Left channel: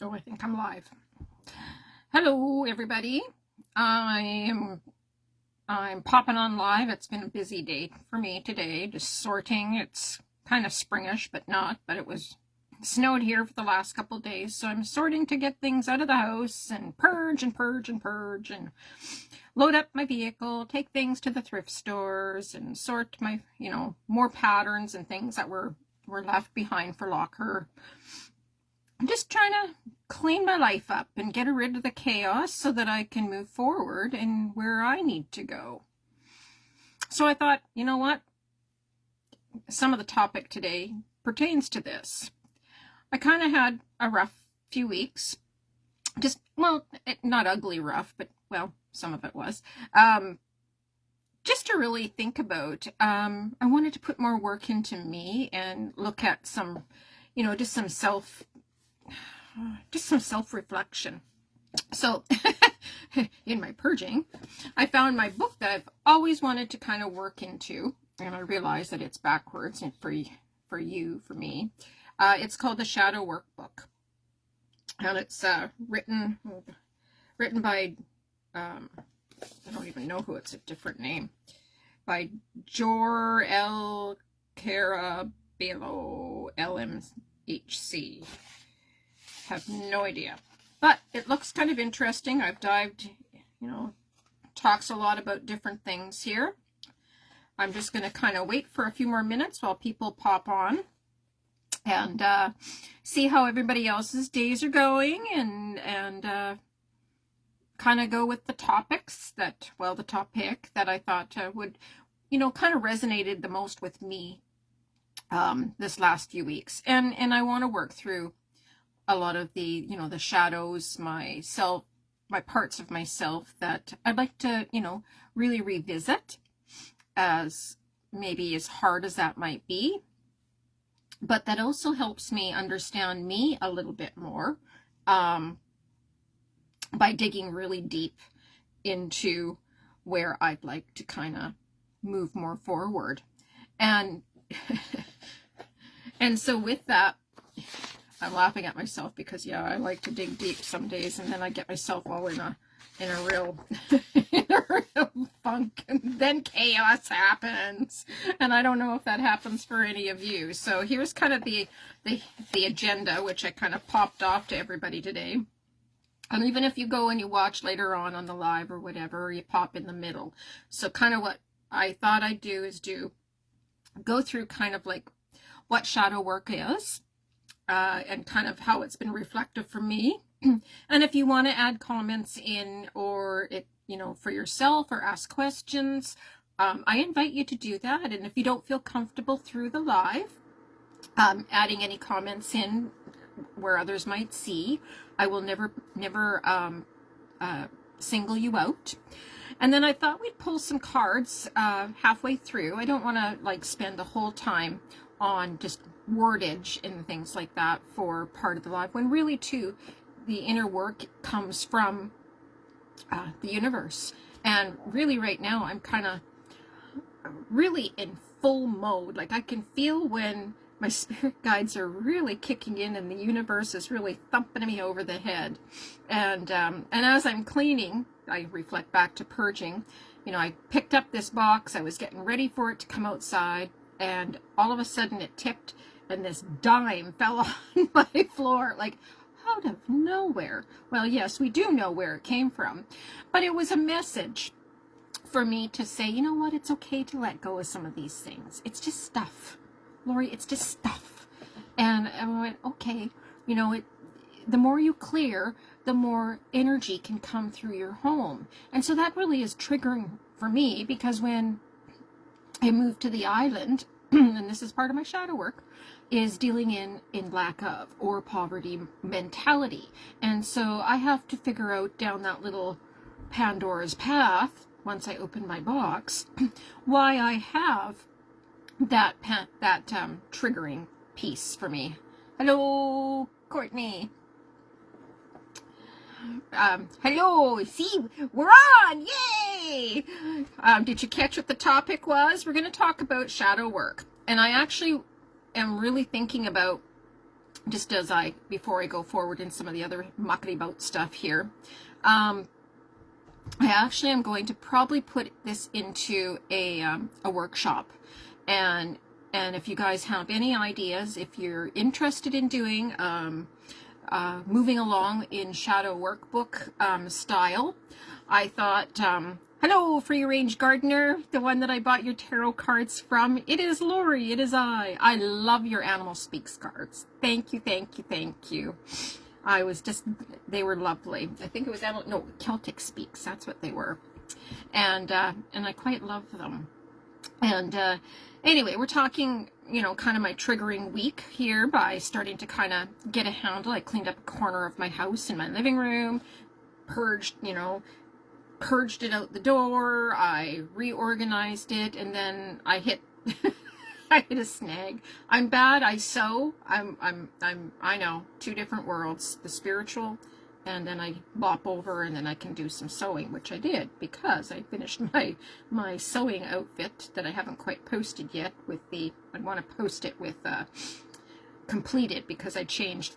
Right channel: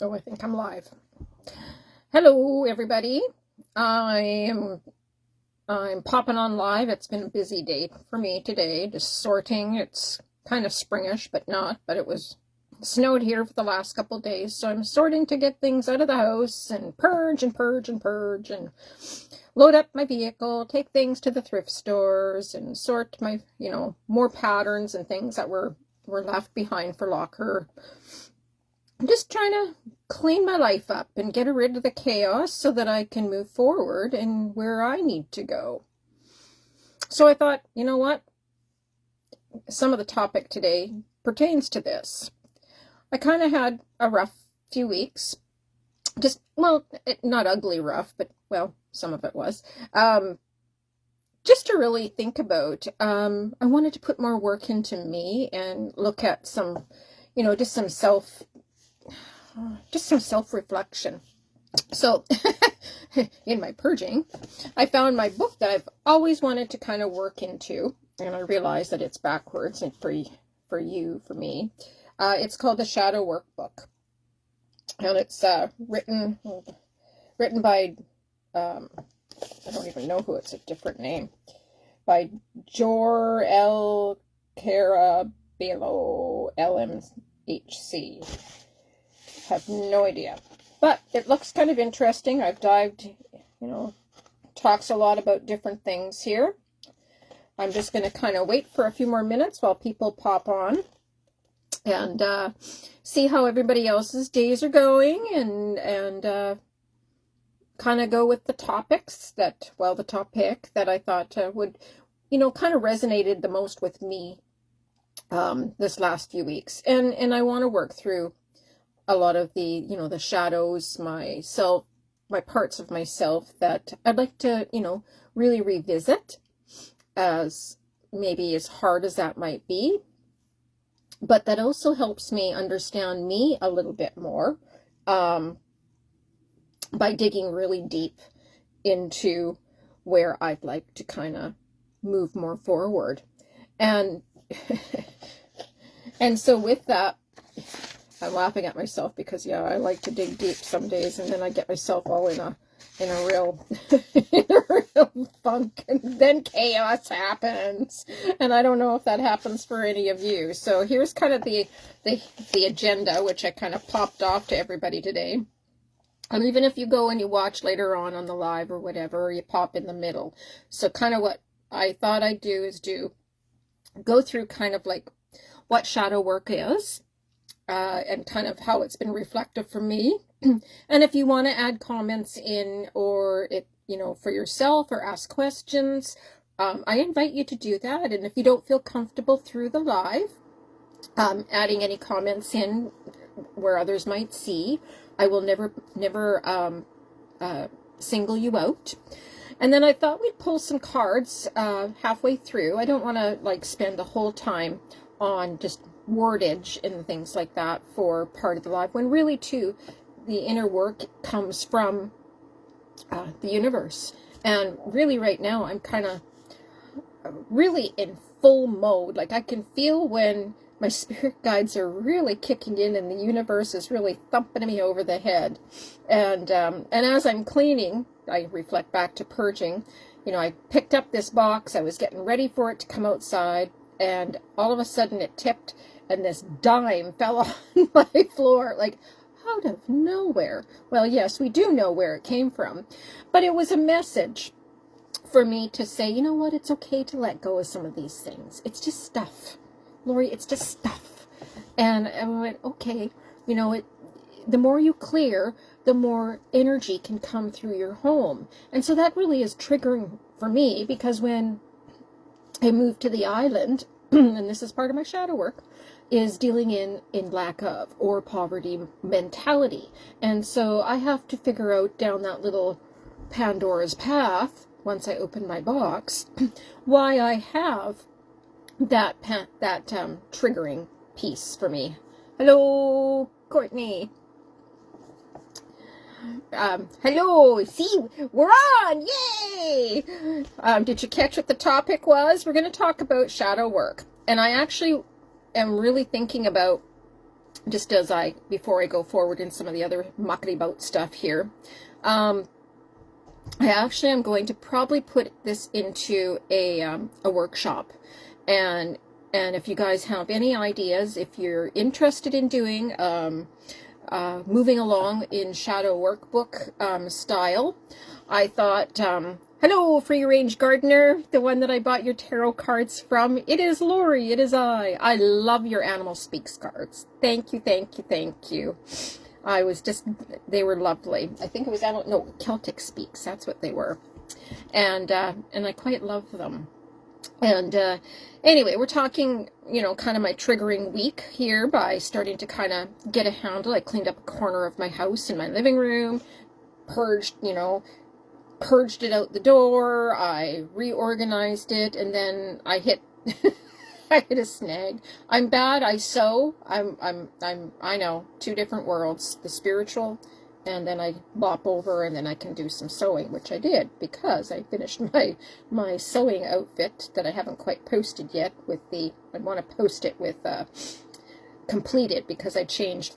Oh, I think I'm live. Hello, everybody. I'm I'm popping on live. It's been a busy day for me today, just sorting. It's kind of springish, but not. But it was snowed here for the last couple of days, so I'm sorting to get things out of the house and purge and purge and purge and load up my vehicle, take things to the thrift stores, and sort my, more patterns and things that were left behind for locker. I'm just trying to clean my life up and get rid of the chaos so that I can move forward and where I need to go. So I thought, you know what? Some of the topic today pertains to this. I kind of had a rough few weeks. Just, well, not ugly rough, but, well, some of it was. Just to really think about, I wanted to put more work into me and look at some, just some self-reflection. So in my purging, I found my book that I've always wanted to kind of work into, and I realized that it's backwards and for me. It's called the Shadow Workbook, and it's written by I don't even know who, it's a different name, by Jor-El Carabello LMHC. Have no idea, but it looks kind of interesting. I've dived, talks a lot about different things here. I'm just going to kind of wait for a few more minutes while people pop on and see how everybody else's days are going, and kind of go with the topics that, the topic that I thought would, kind of resonated the most with me this last few weeks, and I want to work through a lot of the, the shadows, my parts of myself that I'd like to, really revisit, as maybe as hard as that might be, but that also helps me understand me a little bit more, by digging really deep into where I'd like to kind of move more forward. And, and so with that, I'm laughing at myself because, I like to dig deep some days, and then I get myself all in a real funk, and then chaos happens, and I don't know if that happens for any of you. So here's kind of the agenda, which I kind of popped off to everybody today. And even if you go and you watch later on the live or whatever, you pop in the middle. So kind of what I thought I'd do is go through kind of like what shadow work is, and kind of how it's been reflective for me. And if you want to add comments in, or for yourself, or ask questions, I invite you to do that. And if you don't feel comfortable through the live, adding any comments in where others might see, I will never single you out. And then I thought we'd pull some cards halfway through. I don't want to spend the whole time on just wordage and things like that for part of the live, when really too the inner work comes from the universe. And really right now I'm kind of really in full mode. Like, I can feel when my spirit guides are really kicking in and the universe is really thumping me over the head. And as I'm cleaning, I reflect back to purging. I picked up this box, I was getting ready for it to come outside, and all of a sudden it tipped, and this dime fell on my floor, like out of nowhere. Well, yes, we do know where it came from, but it was a message for me to say, you know what, it's okay to let go of some of these things. It's just stuff, Lori, it's just stuff. And I went, okay, the more you clear, the more energy can come through your home. And so that really is triggering for me, because when I moved to the island, and this is part of my shadow work, is dealing in lack of or poverty mentality. And so I have to figure out down that little Pandora's path, once I open my box, why I have that triggering piece for me. Hello, Courtney. Hello, see, we're on, yay! Did you catch what the topic was? We're going to talk about shadow work. And I actually am really thinking about just as before I go forward in some of the other muckety boat stuff here. I actually am going to probably put this into a workshop, and if you guys have any ideas, if you're interested in doing moving along in shadow workbook style, I thought, hello, free range gardener, the one that I bought your tarot cards from. It is Lori. It is I. I love your Animal Speaks cards. Thank you, thank you, thank you. They were lovely. I think it was Celtic Speaks. That's what they were. And I quite love them. And anyway, we're talking, kind of my triggering week here by starting to kind of get a handle. I cleaned up a corner of my house in my living room, purged it out the door. I reorganized it, and then I hit I hit a snag. I'm bad. I sew. I know, two different worlds, the spiritual, and then I bop over, and then I can do some sewing, which I did because I finished my sewing outfit that I haven't quite posted yet I want to post it with completed, because I changed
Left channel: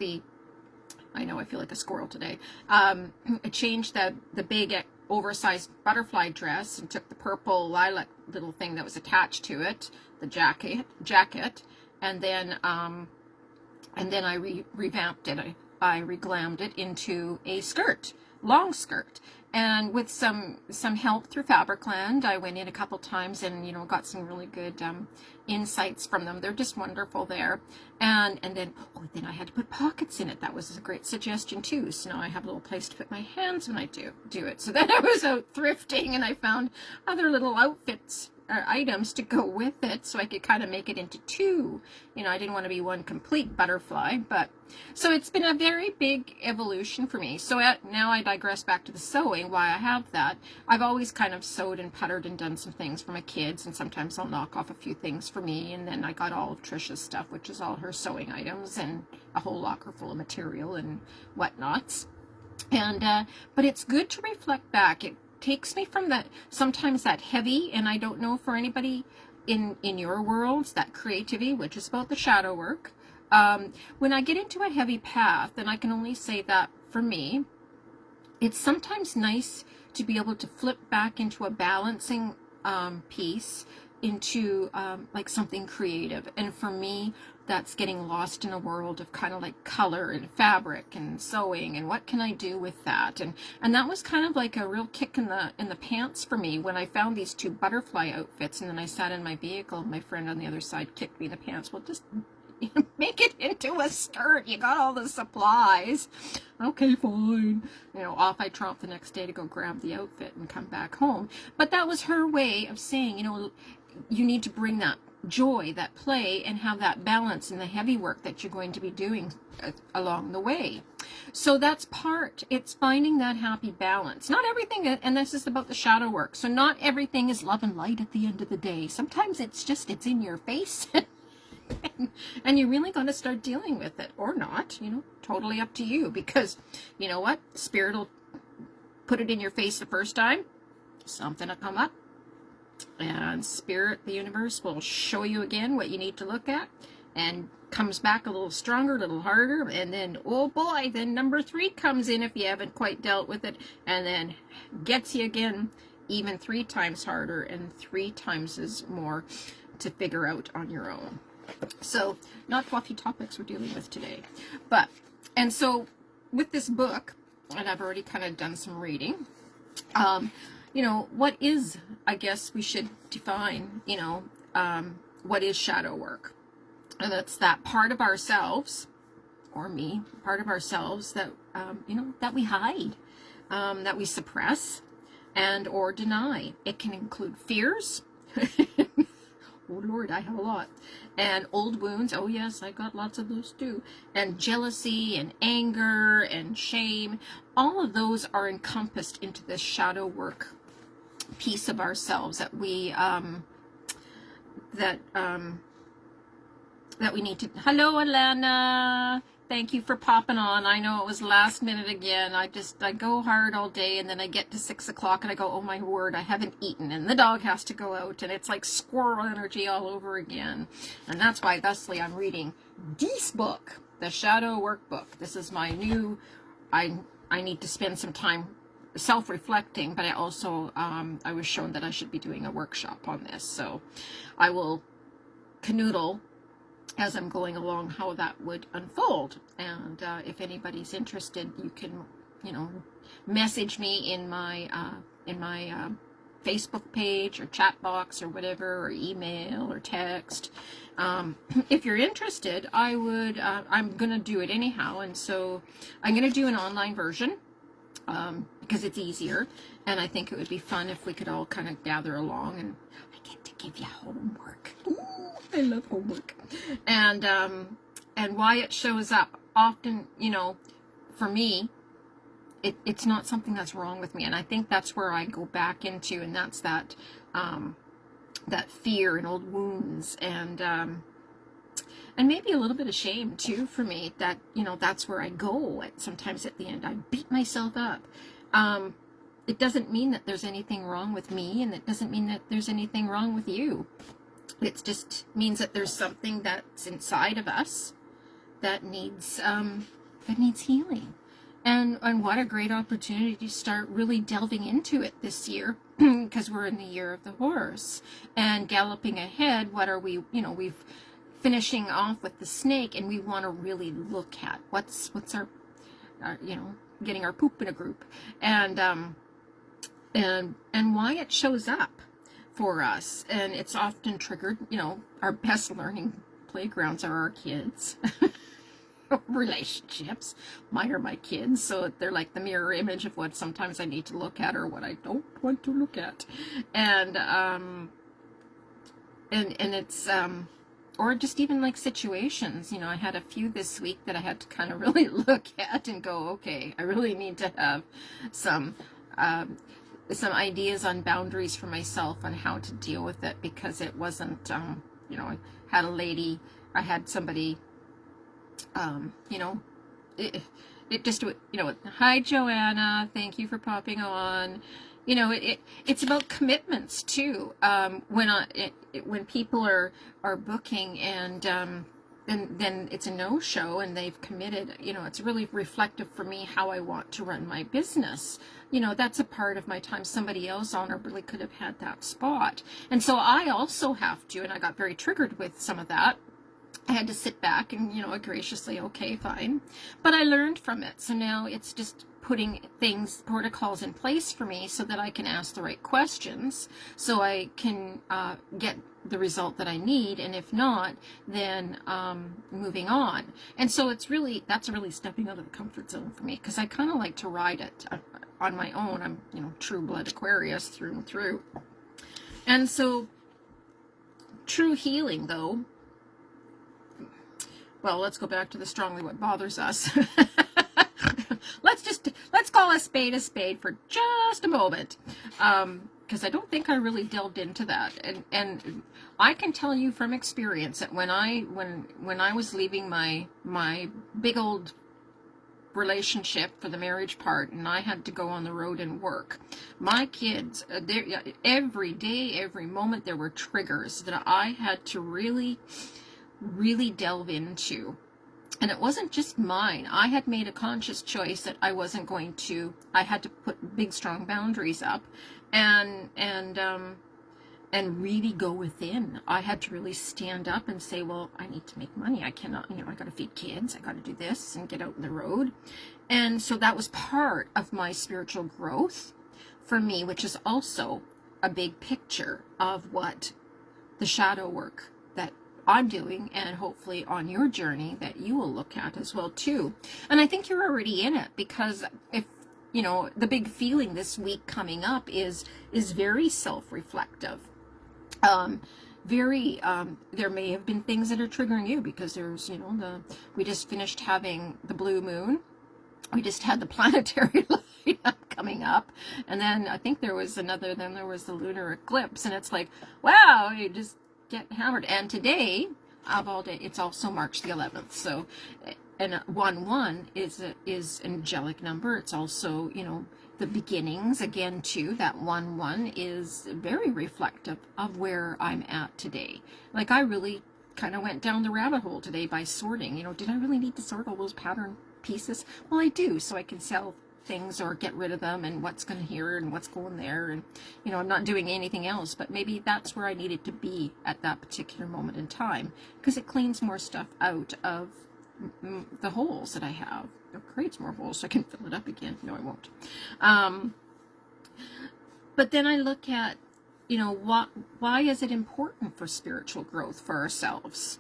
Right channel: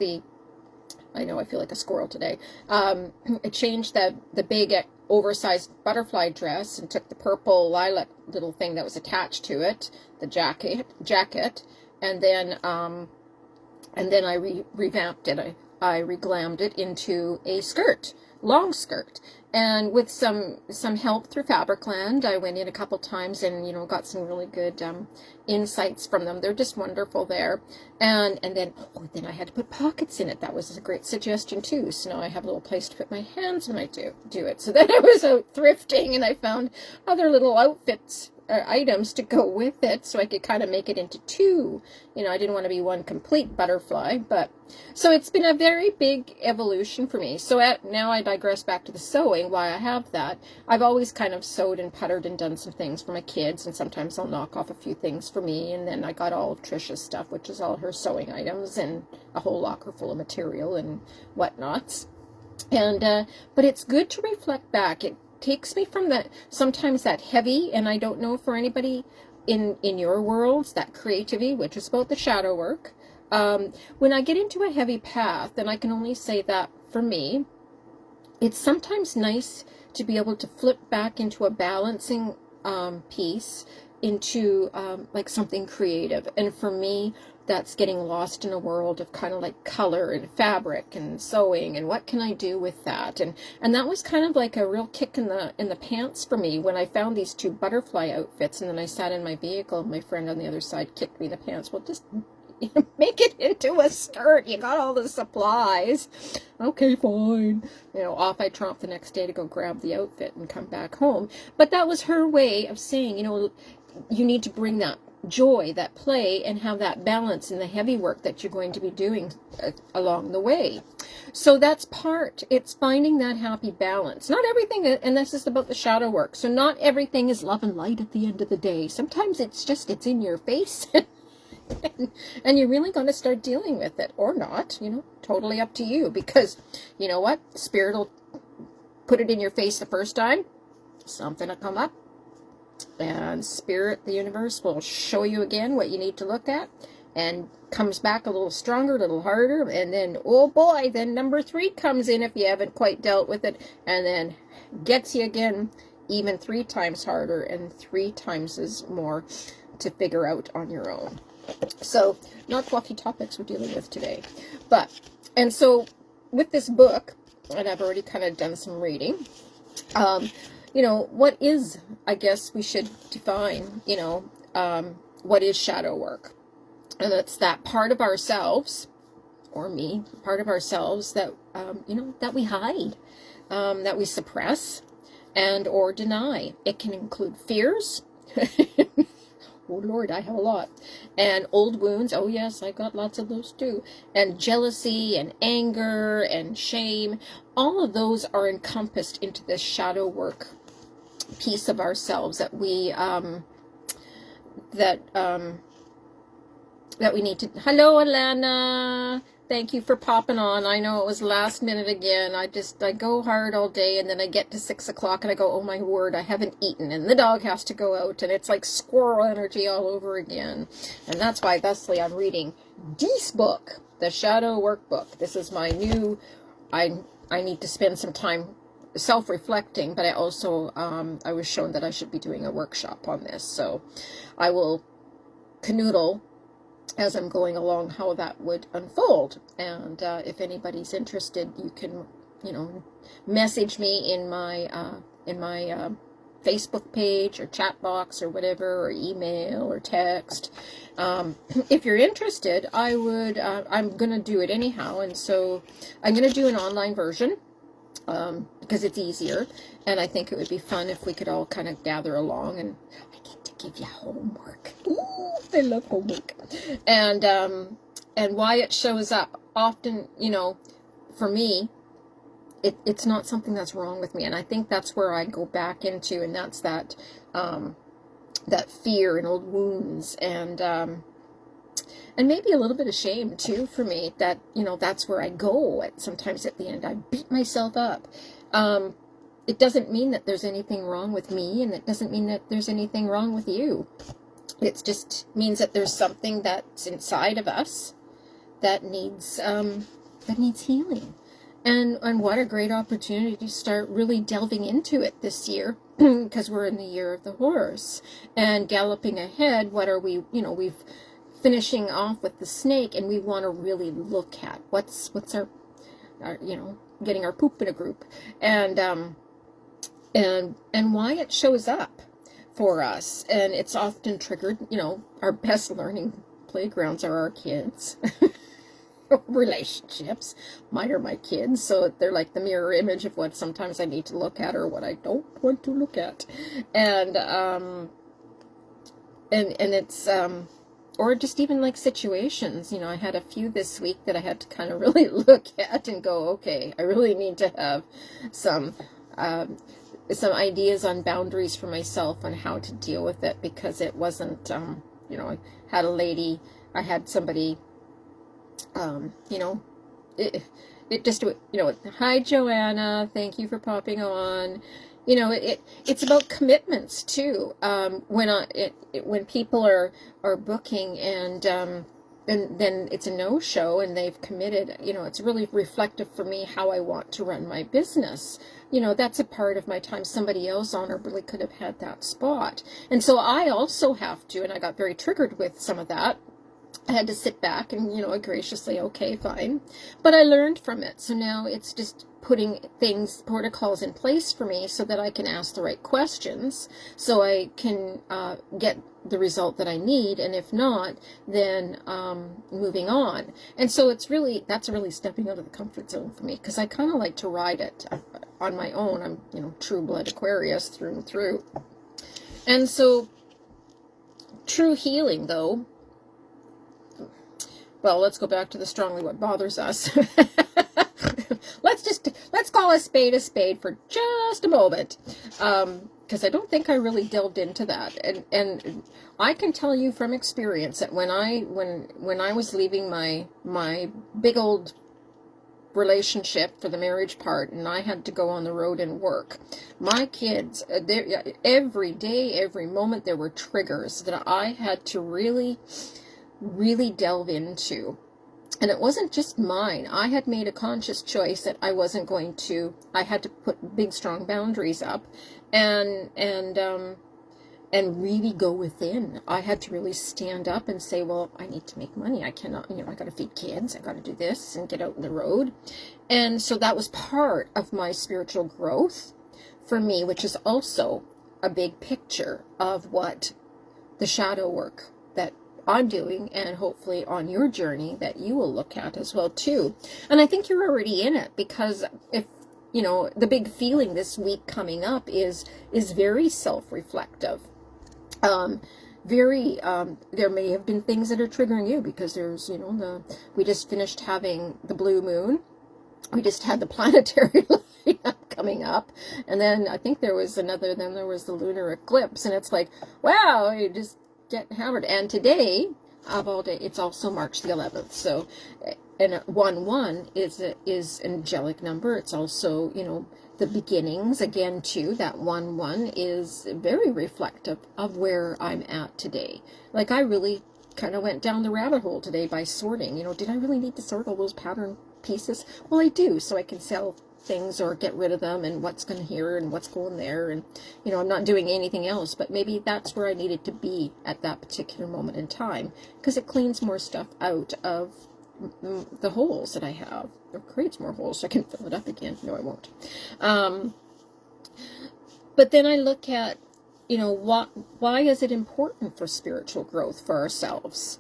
I know I feel like a squirrel today. I changed the big oversized butterfly dress and took the purple lilac little thing that was attached to it, the jacket, and then I revamped it. I reglammed it into a skirt, long skirt, and with some help through Fabricland. I went in a couple times and got some really good insights from them. They're just wonderful there. And then I had to put pockets in it. That was a great suggestion too. So now I have a little place to put my hands when I do it. So then I was out thrifting, and I found other little outfits, items to go with it, so I could kind of make it into two. I didn't want to be one complete butterfly, but so it's been a very big evolution for me. So now I digress back to the sewing. Why I have that, I've always kind of sewed and puttered and done some things for my kids, and sometimes I'll knock off a few things for me, and then I got all Trisha's stuff, which is all her sewing items and a whole locker full of material and whatnots. And but it's good to reflect back. It takes me from sometimes that heavy, and I don't know for anybody in your worlds, that creativity, which is about the shadow work. When I get into a heavy path, and I can only say that for me, it's sometimes nice to be able to flip back into a balancing piece, into like something creative. And for me, that's getting lost in a world of kind of like color and fabric and sewing, and what can I do with that? And that was kind of like a real kick in the pants for me when I found these two butterfly outfits, and then I sat in my vehicle and my friend on the other side kicked me in the pants. Well, just make it into a skirt. You got all the supplies. Okay, fine. Off I tromped the next day to go grab the outfit and come back home. But that was her way of saying, you need to bring that joy, that play, and have that balance in the heavy work that you're going to be doing along the way. So that's it's finding that happy balance. Not everything, and this is about the shadow work, so not everything is love and light at the end of the day. Sometimes it's in your face. And you're really going to start dealing with it, or not, totally up to you, because you know what, Spirit will put it in your face the first time, something will come up, and Spirit, the universe, will show you again what you need to look at, and comes back a little stronger, a little harder, and then, oh boy, then number 3 comes in if you haven't quite dealt with it, and then gets you again, even 3 times harder and 3 times as more to figure out on your own. So, not fluffy topics we're dealing with today. And so, with this book, and I've already kind of done some reading, what is, I guess we should define, what is shadow work? And it's that part of ourselves, or me, part of ourselves that, that we hide, that we suppress, and or deny. It can include fears. Oh Lord, I have a lot. And old wounds. Oh yes, I got lots of those too. And jealousy and anger and shame. All of those are encompassed into this shadow work piece of ourselves that we that we need to. Hello, Alana. Thank you for popping on. I know it was last minute again. I go hard all day, and then I get to 6 o'clock and I go, oh my word, I haven't eaten, and the dog has to go out, and it's like squirrel energy all over again. And that's why thusly I'm reading Dee's book, The Shadow Workbook. This is my new, I need to spend some time self-reflecting, but I also, I was shown that I should be doing a workshop on this. So I will canoodle as I'm going along how that would unfold. And if anybody's interested, you can, message me in my Facebook page or chat box or whatever, or email or text. If you're interested, I'm going to do it anyhow. And so I'm going to do an online version because it's easier. And I think it would be fun if we could all kind of gather along, and I get to give you homework. Ooh, I love homework. And why it shows up often, for me, it's not something that's wrong with me. And I think that's where I go back into, and that's that fear and old wounds, and maybe a little bit of shame too for me, that, that's where I go sometimes at the end. I beat myself up. It doesn't mean that there's anything wrong with me, and it doesn't mean that there's anything wrong with you. It just means that there's something that's inside of us that needs healing. And what a great opportunity to start really delving into it this year, because we're in the year of the horse. And galloping ahead, what are we, we've finishing off with the snake, and we want to really look at what's our getting our poop in a group, and why it shows up for us. And it's often triggered, our best learning playgrounds are our kids. Relationships. Mine are my kids, so they're like the mirror image of what sometimes I need to look at or what I don't want to look at. And it's or just even like situations, I had a few this week that I had to kind of really look at and go, okay, I really need to have some ideas on boundaries for myself on how to deal with it, because it wasn't, I had somebody, it just, hi Joanna, thank you for popping on. It's about commitments too. When people are booking and then it's a no-show and they've committed, it's really reflective for me how I want to run my business. That's a part of my time. Somebody else honorably could have had that spot. And so I also have to, and I got very triggered with some of that. I had to sit back and, graciously, okay, fine. But I learned from it. So now it's just putting protocols in place for me so that I can ask the right questions, so I can get the result that I need. And if not, then moving on. And so that's really stepping out of the comfort zone for me, because I kind of like to ride it on my own. I'm, true blood Aquarius through and through. And so true healing, though, well, let's go back to the strongly what bothers us. Let's call a spade for just a moment, because I don't think I really delved into that. And I can tell you from experience that when I was leaving my big old relationship for the marriage part, and I had to go on the road and work, my kids, every day, every moment, there were triggers that I had to really delve into. And it wasn't just mine. I had made a conscious choice that I had to put big, strong boundaries up and really go within. I had to really stand up and say, well, I need to make money. I cannot, I got to feed kids. I got to do this and get out in the road. And so that was part of my spiritual growth for me, which is also a big picture of what the shadow work that I'm doing, and hopefully on your journey that you will look at as well too. And I think you're already in it, because if the big feeling this week coming up is very self-reflective. There may have been things that are triggering you, because there's we just finished having the blue moon, we just had the planetary lineup coming up, and then I think there was the lunar eclipse, and it's like, wow, you just get hammered. And today of all day. It's also March the 11th. So, and 1-1 is an angelic number. It's also, you know, the beginnings again too. That 1-1 is very reflective of where I'm at today. Like, I really kind of went down the rabbit hole today by sorting. You know, did I really need to sort all those pattern pieces? Well, I do, so I can sell things or get rid of them, and what's going here and what's going there, and you know, I'm not doing anything else, but maybe that's where I needed to be at that particular moment in time, because it cleans more stuff out of the holes that I have, or creates more holes so I can fill it up again. No, I won't. But then I look at, you know, why is it important for spiritual growth for ourselves?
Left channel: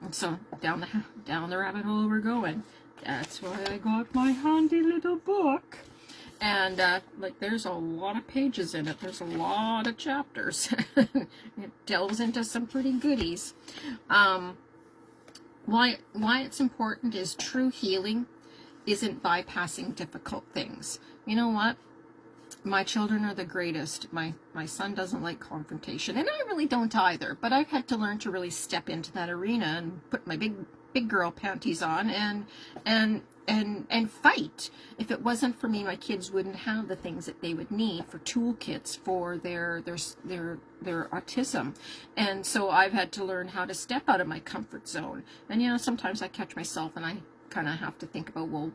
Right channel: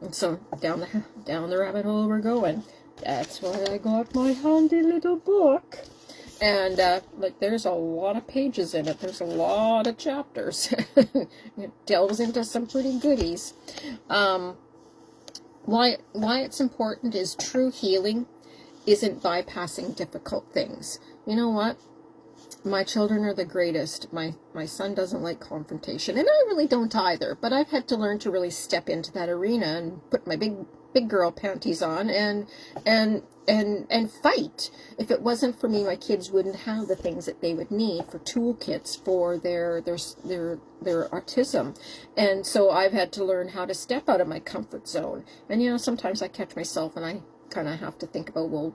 And so down the rabbit hole we're going. That's why I got my handy little book. And like, there's a lot of pages in it. There's a lot of chapters. It delves into some pretty goodies. Why it's important is true healing isn't bypassing difficult things. You know what? My children are the greatest. My son doesn't like confrontation, and I really don't either. But I've had to learn to really step into that arena and put my big girl panties on and fight. If it wasn't for me, my kids wouldn't have the things that they would need for toolkits for their autism. And so I've had to learn how to step out of my comfort zone. And you know, sometimes I catch myself and I kind of have to think about, well,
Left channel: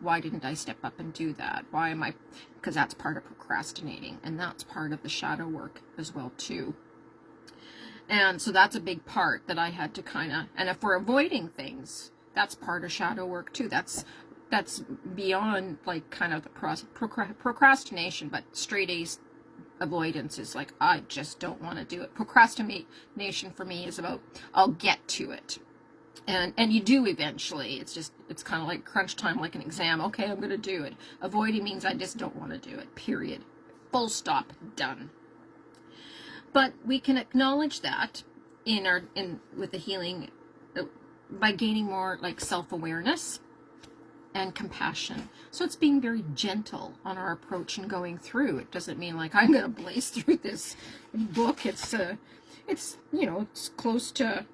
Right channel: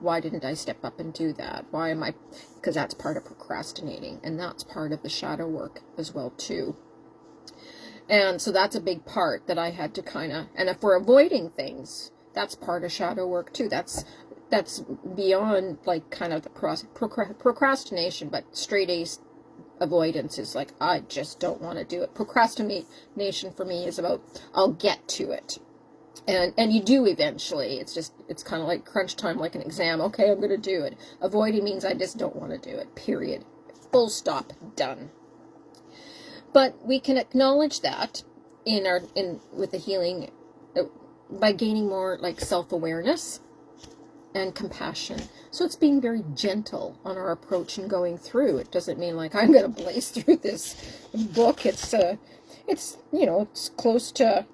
why didn't I step up and do that? Why am I? Because that's part of procrastinating, and that's part of the shadow work as well too. And so that's a big part that I had to kind of, and if we're avoiding things, that's part of shadow work too. That's beyond like kind of the procrastination, but straight A's avoidance is like, I just don't want to do it. Procrastination for me is about, I'll get to it. And you do eventually. It's kind of like crunch time, like an exam. Okay, I'm going to do it. Avoiding means I just don't want to do it, period. Full stop, done. But we can acknowledge that with the healing by gaining more like self-awareness and compassion. So it's being very gentle on our approach and going through. It doesn't mean like I'm going to blaze through this book. It's, you know, it's close to,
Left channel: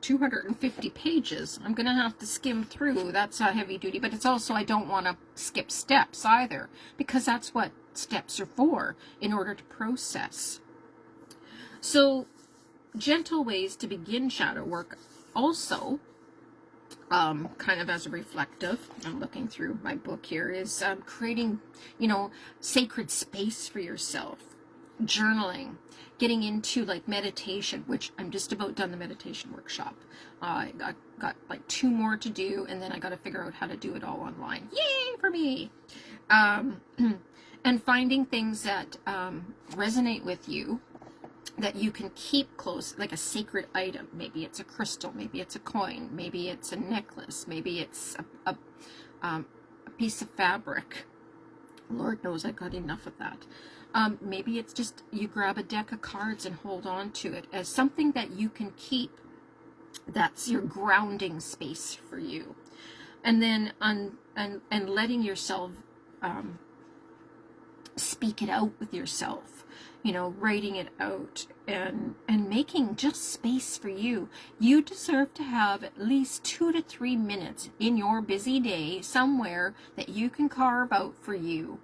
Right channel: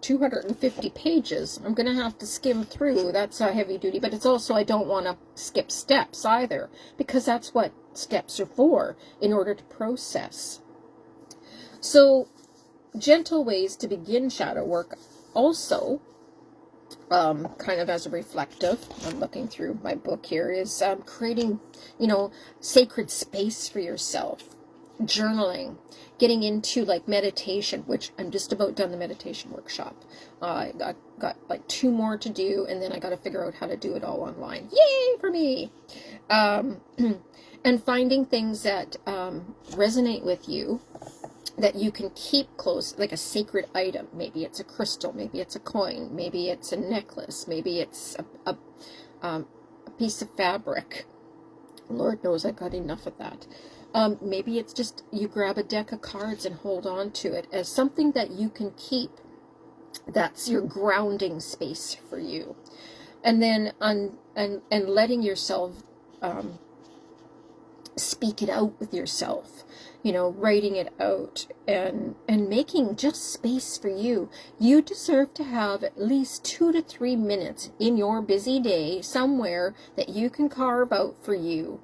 250 pages. I'm going to have to skim through. That's a heavy duty, but it's also, I don't want to skip steps either, because that's what steps are for, in order to process. So, gentle ways to begin shadow work also, kind of as a reflective, I'm looking through my book here, is creating, you know, sacred space for yourself, journaling, getting into like meditation, which I'm just about done the meditation workshop. I got like 2 more to do, and then I got to figure out how to do it all online. Yay for me! And finding things that resonate with you, that you can keep close, like a sacred item. Maybe it's a crystal, maybe it's a coin, maybe it's a necklace, maybe it's a piece of fabric. Lord knows I got enough of that. Maybe it's just you grab a deck of cards and hold on to it as something that you can keep. That's your grounding space for you. And then and letting yourself speak it out with yourself. You know, writing it out and making just space for you. You deserve to have at least 2 to 3 minutes in your busy day somewhere that you can carve out for you.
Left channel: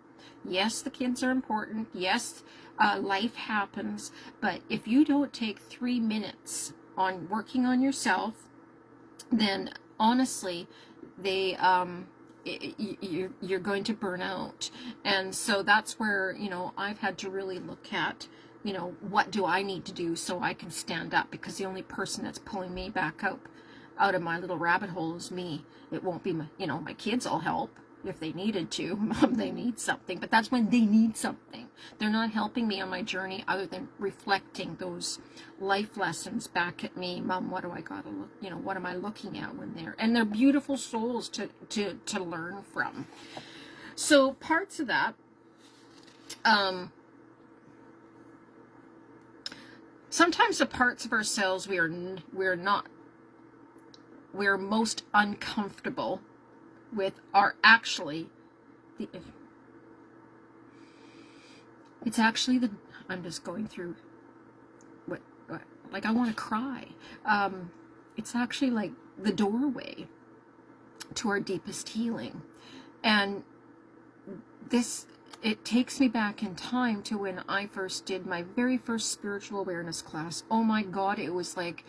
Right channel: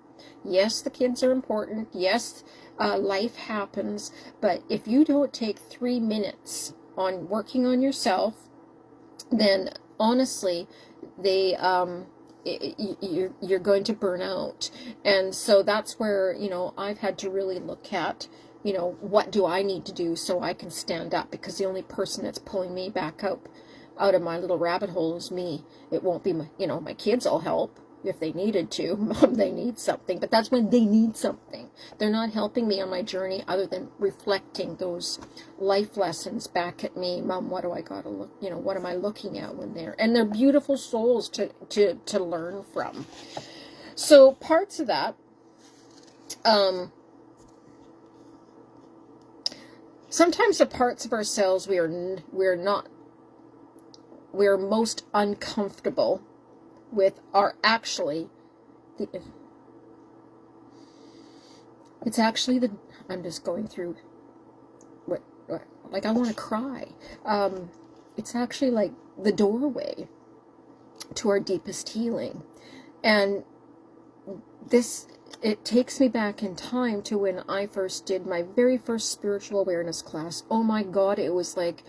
Yes, the kids are important. Yes, life happens. But if you don't take 3 minutes on working on yourself, then honestly, you're going to burn out. And so that's where, you know, I've had to really look at, you know, what do I need to do so I can stand up? Because the only person that's pulling me back out of my little rabbit hole is me. It won't be my kids will help if they needed to. Mom, they need something, but that's when they need something. They're not helping me on my journey other than reflecting those life lessons back at me. Mom, what do I gotta look, what am I looking at when they're beautiful souls to learn from. So parts of that, sometimes the parts of ourselves we're most uncomfortable with are actually I'm just going through what like I want to cry. it's actually like the doorway to our deepest healing. And this, it takes me back in time to when I first did my very first spiritual awareness class. Oh my God, it was like,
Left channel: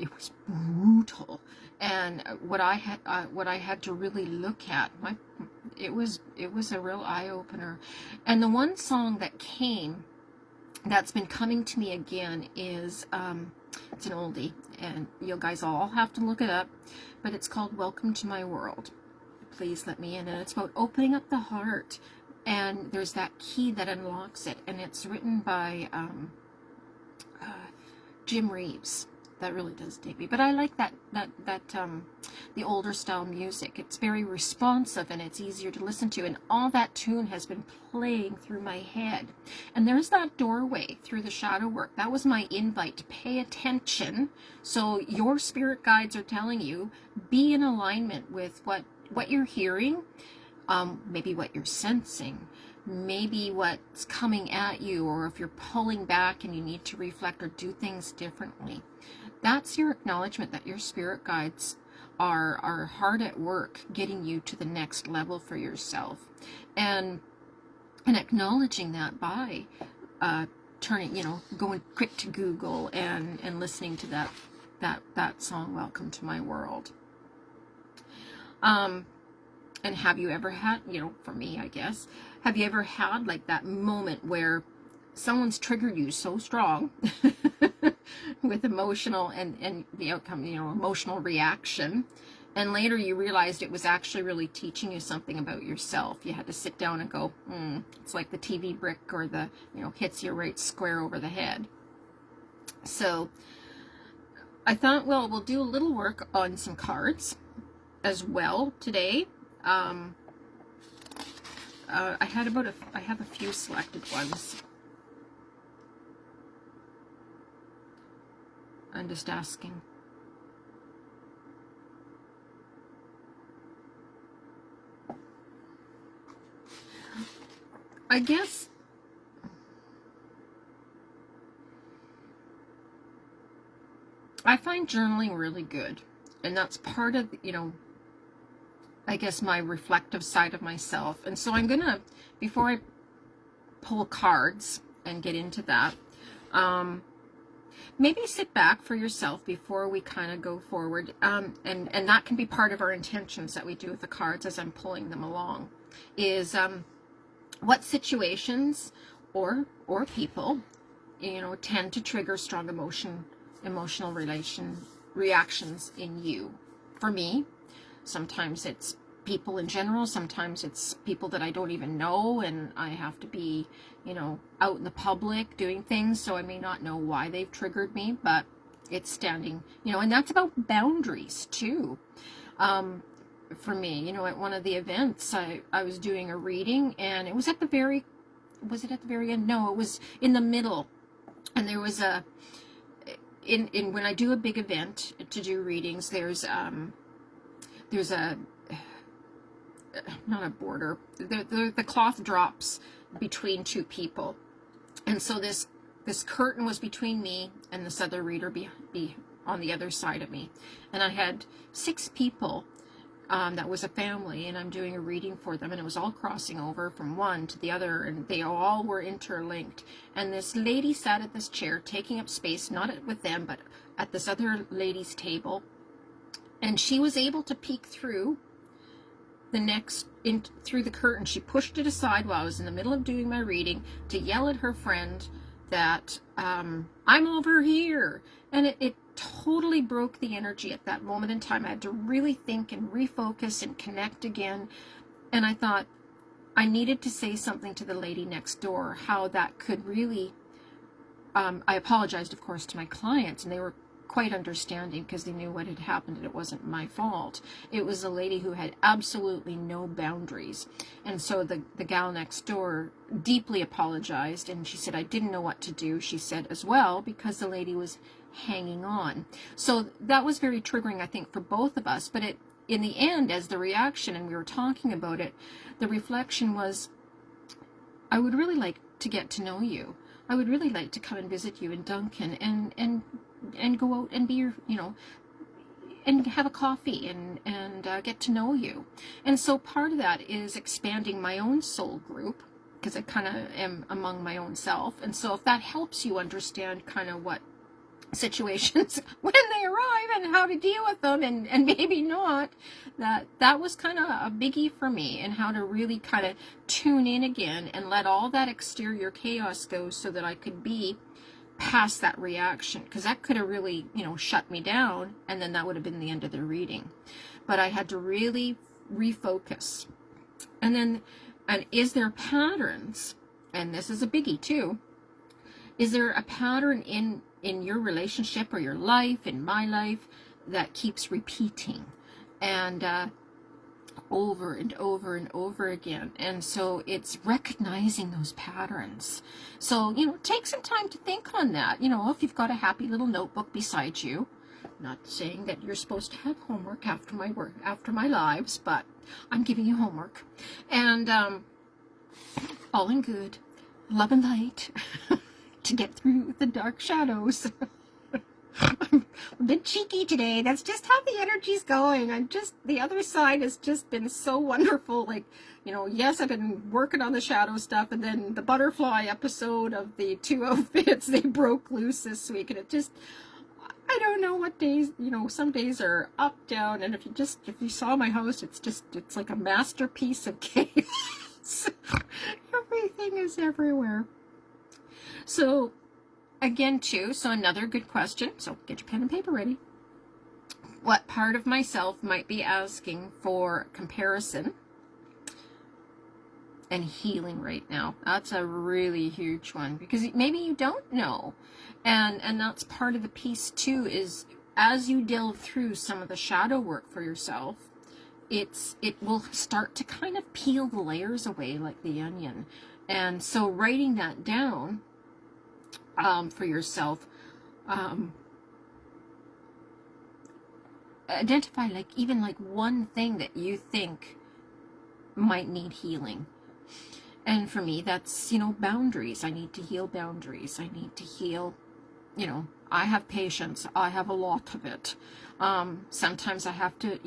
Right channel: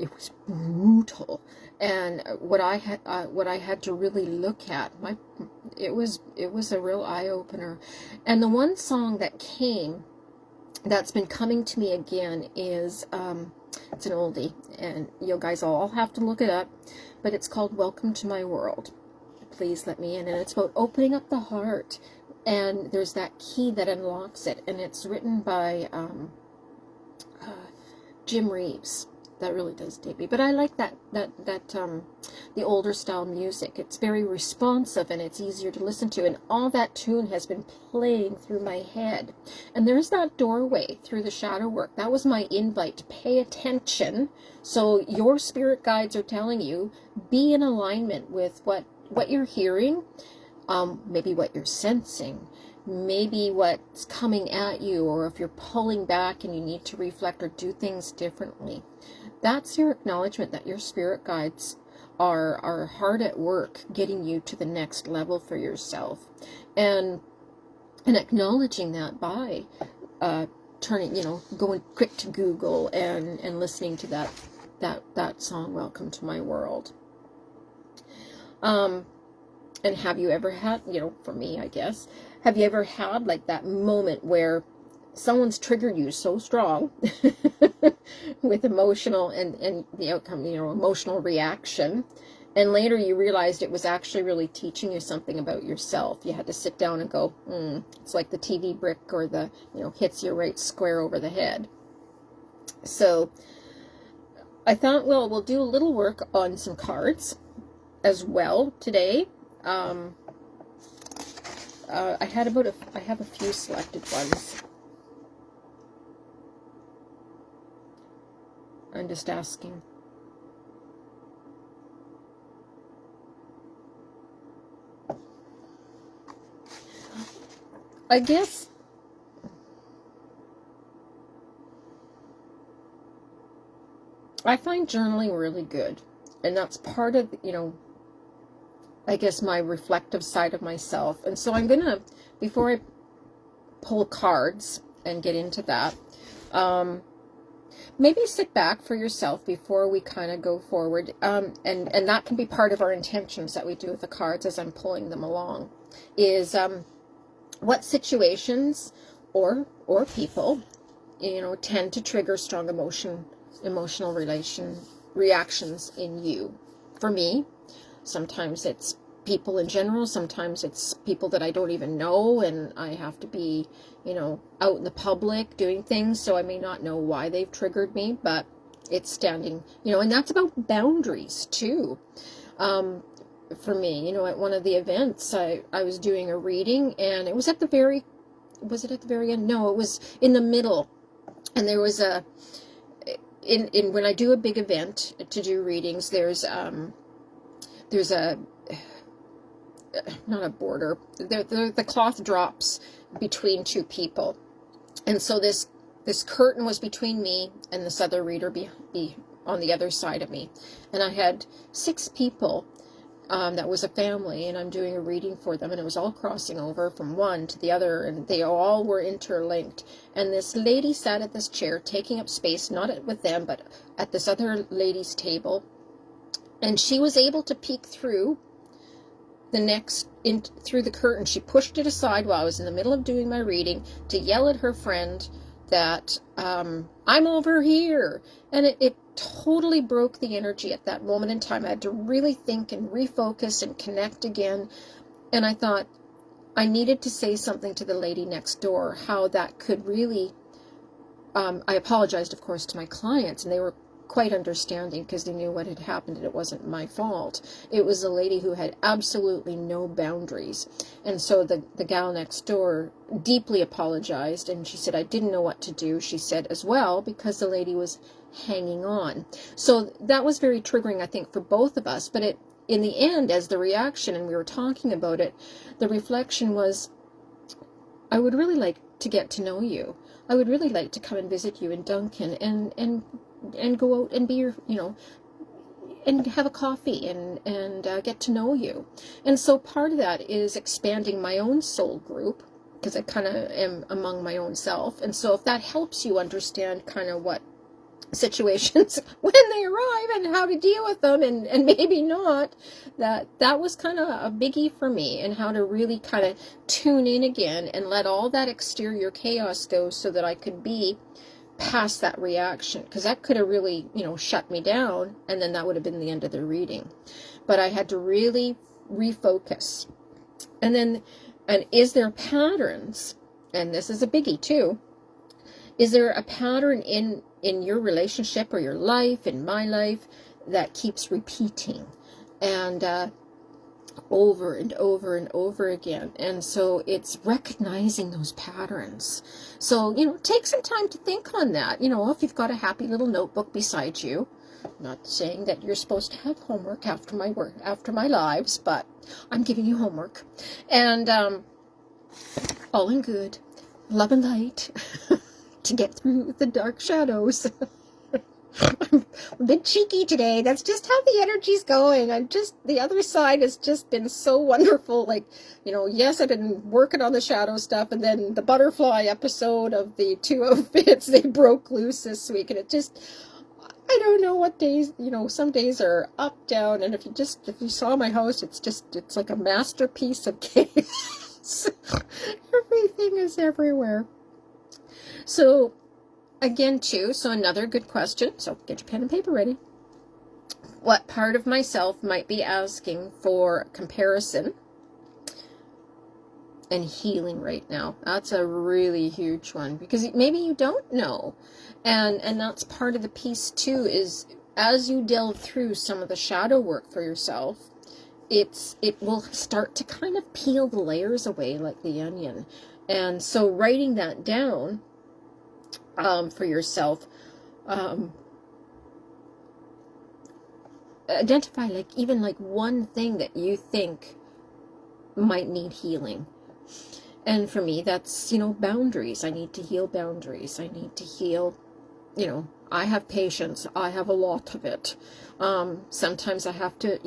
it was brutal. And what I had to really look at, it was a real eye-opener. And the one song that came, that's been coming to me again, is it's an oldie, and you guys all have to look it up, but it's called Welcome to My World. Please let me in. And it's about opening up the heart, and there's that key that unlocks it, and it's written by Jim Reeves. That really does dig me. But I like that the older style music. It's very responsive and it's easier to listen to. And all that tune has been playing through my head. And there's that doorway through the shadow work. That was my invite to pay attention. So your spirit guides are telling you, be in alignment with what you're hearing, maybe what you're sensing, maybe what's coming at you, or if you're pulling back and you need to reflect or do things differently. That's your acknowledgement that your spirit guides are hard at work getting you to the next level for yourself, and acknowledging that by turning, going quick to Google and listening to that song, Welcome to My World. And have you ever had, for me, I guess, have you ever had like that moment where someone's triggered you so strong with emotional and the outcome, emotional reaction, and later you realized it was actually really teaching you something about yourself? You had to sit down and go, it's like the TV brick or the, hits you right square over the head. So I thought, well, we'll do a little work on some cards as well today. I have a few selected ones. I'm just asking. I guess I find journaling really good, and that's part of, I guess my reflective side of myself. And so I'm gonna, before I pull cards and get into that, maybe sit back for yourself before we kind of go forward, and that can be part of our intentions that we do with the cards as I'm pulling them along, is what situations or people tend to trigger strong emotional reactions in you. For me, sometimes it's people in general, sometimes it's people that I don't even know, and I have to be out in the public doing things, so I may not know why they've triggered me, but it's standing, and that's about boundaries too. For me, at one of the events, I was doing a reading, and it was at the very, was it at the very end? No, it was in the middle, and there was in when I do a big event to do readings, there's a, not a border, the cloth drops between two people, and so this curtain was between me and this other reader be on the other side of me, and I had 6 people, that was a family, and I'm doing a reading for them, and it was all crossing over from one to the other, and they all were interlinked. And this lady sat at this chair, taking up space, not with them, but at this other lady's table, and she was able to peek through through the curtain. She pushed it aside while I was in the middle of doing my reading to yell at her friend that I'm over here, and it totally broke the energy at that moment in time. I had to really think and refocus and connect again, and I thought I needed to say something to the lady next door, how that could really, I apologized, of course, to my clients, and they were quite understanding because they knew what had happened and it wasn't my fault. It was a lady who had absolutely no boundaries, and so the gal next door deeply apologized, and she said, I didn't know what to do, she said, as well, because the lady was hanging on. So that was very triggering, I think, for both of us. But in the end, as the reaction, and we were talking about it, the reflection was, I would really like to get to know you. I would really like to come and visit you in Duncan and go out and be your, and have a coffee and get to know you. And so part of that is expanding my own soul group, because I kind of am among my own self. And so if that helps you understand kind of what situations when they arrive and how to deal with them, and maybe not, that was kind of a biggie for me, and how to really kind of tune in again and let all that exterior chaos go, so that I could be past that reaction, because that could have really, shut me down, and then that would have been the end of the reading. But I had to really refocus. And is there patterns, and this is a biggie too, is there a pattern in your relationship or your life, in my life, that keeps repeating and over and over and over again? And so it's recognizing those patterns. So, take some time to think on that. If you've got a happy little notebook beside you, not saying that you're supposed to have homework after my work, after my lives, but I'm giving you homework. And all in good, love and light, to get through the dark shadows. I'm a bit cheeky today. That's just how the energy's going. The other side has just been so wonderful. Like, yes, I've been working on the shadow stuff, and then the butterfly episode of the two outfits, they broke loose this week, and I don't know what days, some days are up, down, and if you saw my house, it's like a masterpiece of chaos. Everything is everywhere. So, again, too, so another good question. So, get your pen and paper ready. What part of myself might be asking for comparison and healing right now? That's a really huge one, because maybe you don't know. And that's part of the piece, too, is as you delve through some of the shadow work for yourself, it will start to kind of peel the layers away like the onion. And so writing that down for yourself, identify even one thing that you think might need healing. And for me, that's, boundaries. I need to heal boundaries. I need to heal, I have patience. I have a lot of it. Sometimes I have to,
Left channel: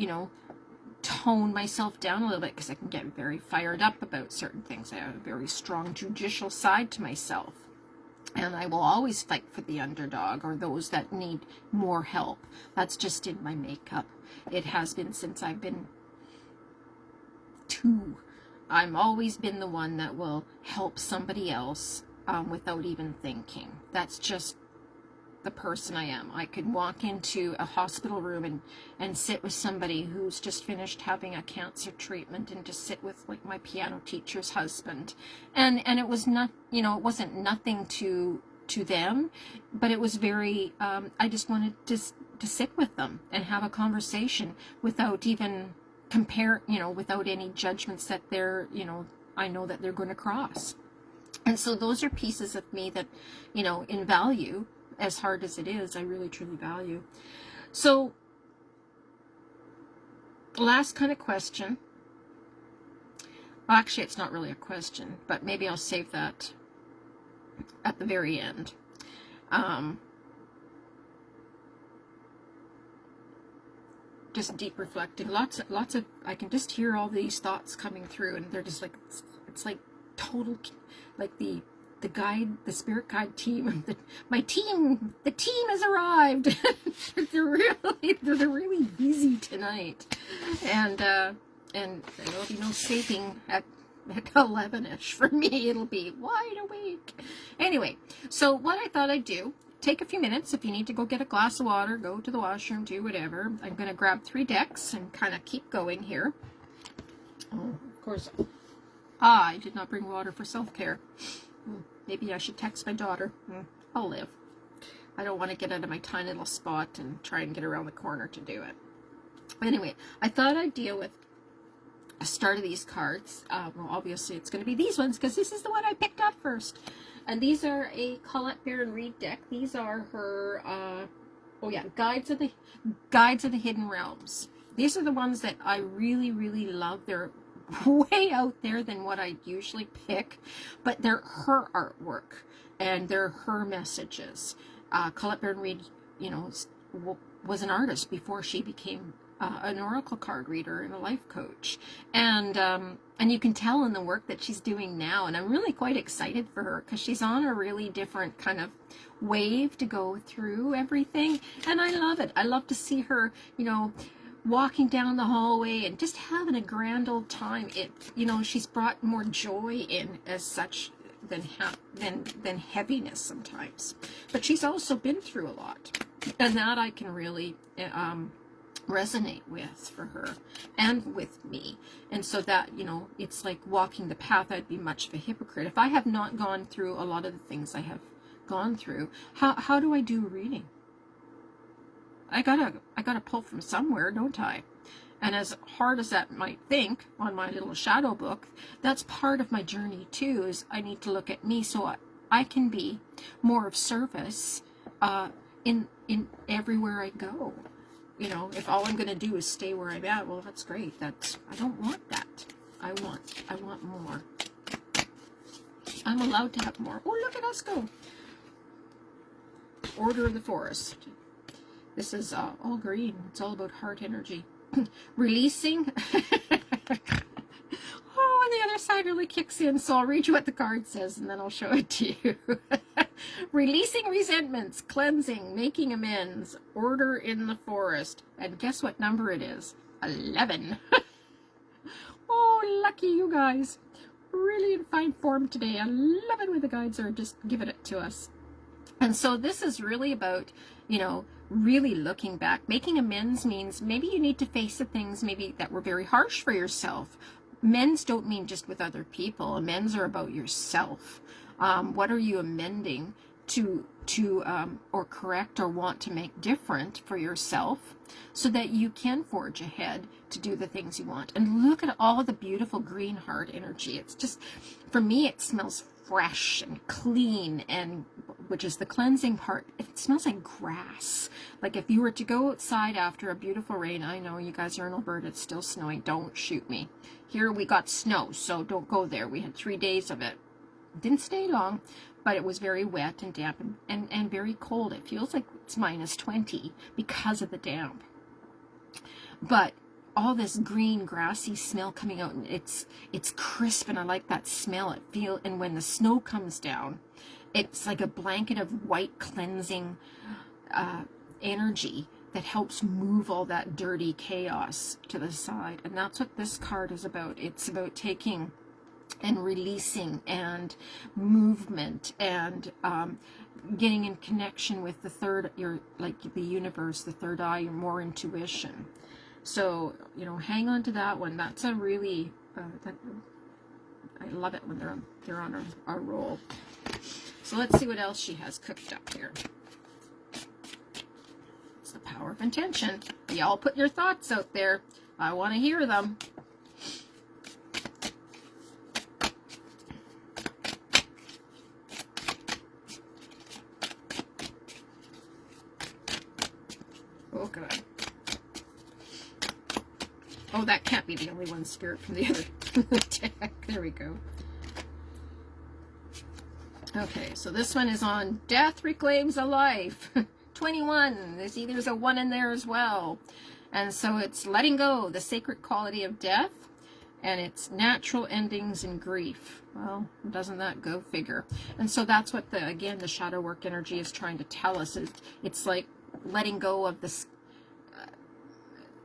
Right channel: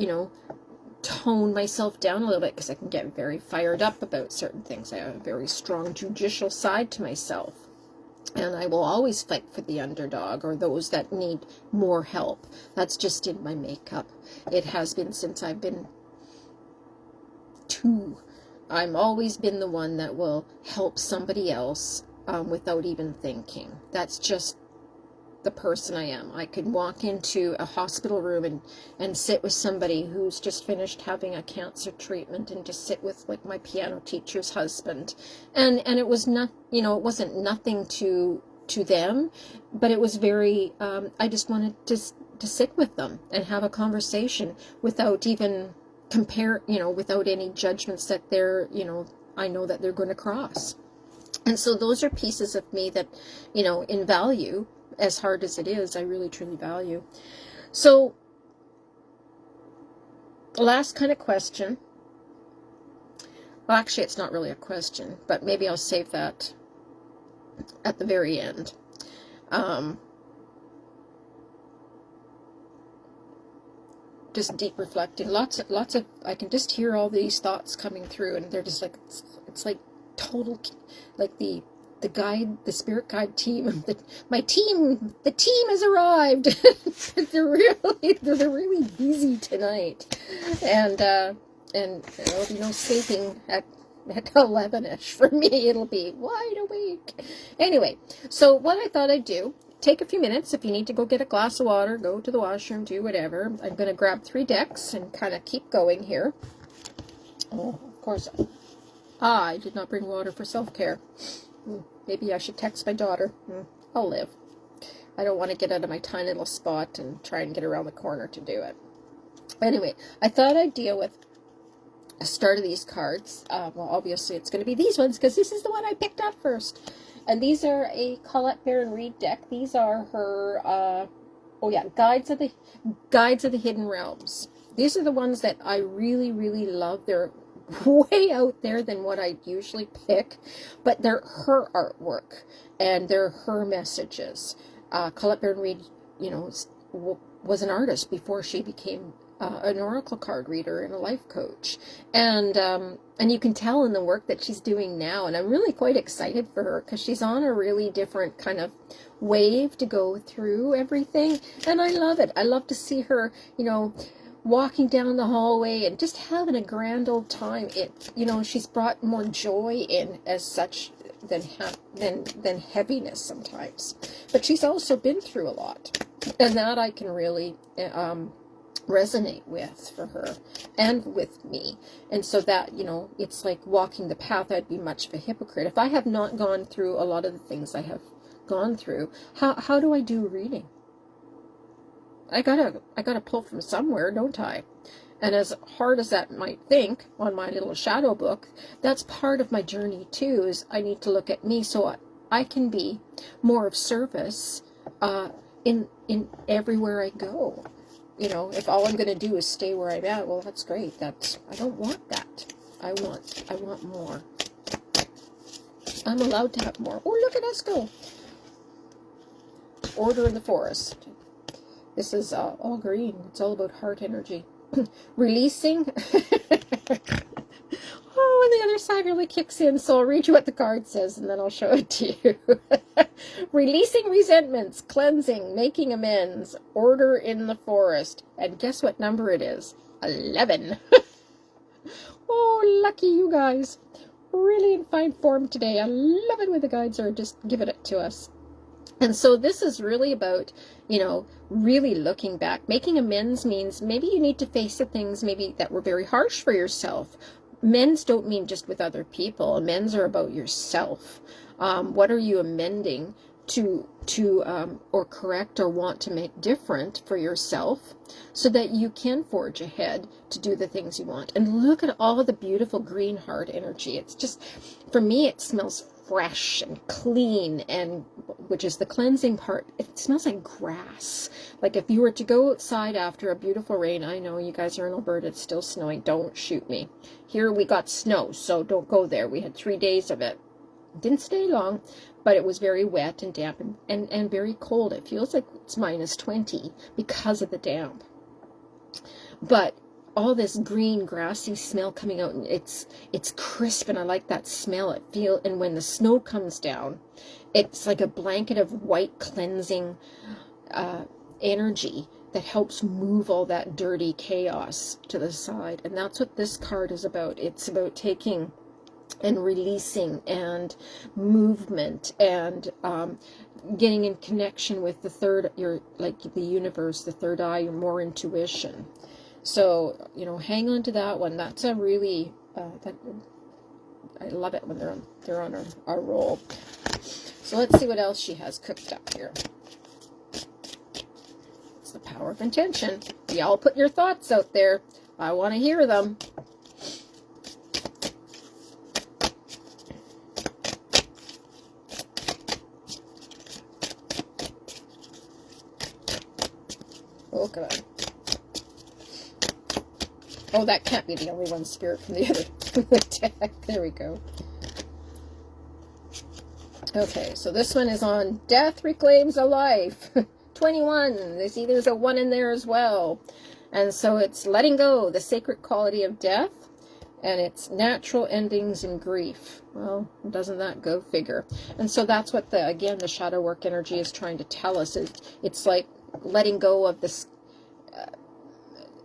tone myself down a little bit, because I can get very fired up about certain things. I have a very strong judicial side to myself. And I will always fight for the underdog, or those that need more help. That's just in my makeup. It has been since I've been 2. I've always been the one that will help somebody else without even thinking. That's just the person I am. I could walk into a hospital room and sit with somebody who's just finished having a cancer treatment, and just sit with my piano teacher's husband, and it was not, it wasn't nothing to them, but it was very, I just wanted to sit with them and have a conversation without even without any judgments that they're, I know that they're going to cross. And so those are pieces of me that, in value, as hard as it is, I really truly value. So, last kind of question. Well, actually, it's not really a question, but maybe I'll save that at the very end. Just deep reflecting. Lots of, I can just hear all these thoughts coming through, and they're just it's like total, like the spirit guide team, the team has arrived. they're really busy tonight, and there'll be no sleeping at 11ish for me. It'll be wide awake. Anyway, so what I thought I'd do, take a few minutes. If you need to go get a glass of water, go to the washroom, do whatever. I'm going to grab 3 decks and kind of keep going here. Oh, of course, I did not bring water for self-care. Maybe I should text my daughter. I'll live. I don't want to get out of my tiny little spot and try and get around the corner to do it. Anyway, I thought I'd deal with the start of these cards. Well, obviously it's going to be these ones, because this is the one I picked up first. And these are a Colette Baron-Reid deck. These are her, Guides of the Hidden Realms. These are the ones that I really, really love. They're way out there than what I usually pick, but they're her artwork and they're her messages. Colette Baron-Reid you know, was an artist before she became an oracle card reader and a life coach, and you can tell in the work that she's doing now, and I'm really quite excited for her because she's on a really different kind of wave to go through everything, and I love it. I love to see her, you know, walking down the hallway and just having a grand old time. It, you know, she's brought more joy in as such than heaviness sometimes, but she's also been through a lot, and that I can really resonate with for her and with me. And so that, you know, it's like walking the path. I'd be much of a hypocrite if I have not gone through a lot of the things I have gone through. How do I do reading? I gotta pull from somewhere, don't I? And as hard as that might think on my little shadow book, that's part of my journey too, is I need to look at me so I can be more of service in everywhere I go. You know, if all I'm going to do is stay where I'm at, well, that's great. I don't want that. I want more. I'm allowed to have more. Oh, look at us go. Order in the forest. This is all green. It's all about heart energy. Releasing. Oh, and the other side really kicks in, so I'll read you what the card says, and then I'll show it to you. Releasing resentments, cleansing, making amends, order in the forest. And guess what number it is? 11. Oh, lucky you guys. Really in fine form today. I love it when the guides are just giving it to us. And so this is really about, you know, really looking back. Making amends means maybe you need to face the things maybe that were very harsh for yourself. Amends don't mean just with other people. Amends are about yourself. What are you amending to or correct or want to make different for yourself so that you can forge ahead to do the things you want? And look at all the beautiful green heart energy. It's just, for me, it smells fresh and clean, and which is the cleansing part. It smells like grass. Like if you were to go outside after a beautiful rain, I know you guys are in Alberta, it's still snowing, don't shoot me. Here we got snow, so don't go there. We had 3 days of it. Didn't stay long, but it was very wet and damp and very cold. It feels like it's -20 because of the damp. But all this green grassy smell coming out, and it's crisp, and I like that smell. And when the snow comes down, it's like a blanket of white cleansing energy that helps move all that dirty chaos to the side. And that's what this card is about. It's about taking and releasing and movement and getting in connection with the third, like the universe, the third eye, your more intuition. So, you know, hang on to that one. That's a really, I love it when they're on our roll. So let's see what else she has cooked up here. It's the power of intention. Y'all put your thoughts out there. I want to hear them. Oh, God. Oh, that can't be the only one, Spirit, from the other deck. There we go. Okay, so this one is on Death Reclaims a Life. 21. There's a 1 in there as well. And so it's letting go, the sacred quality of death, and it's natural endings and grief. Well, doesn't that go figure? And so that's what again, the shadow work energy is trying to tell us. It's like letting go of this,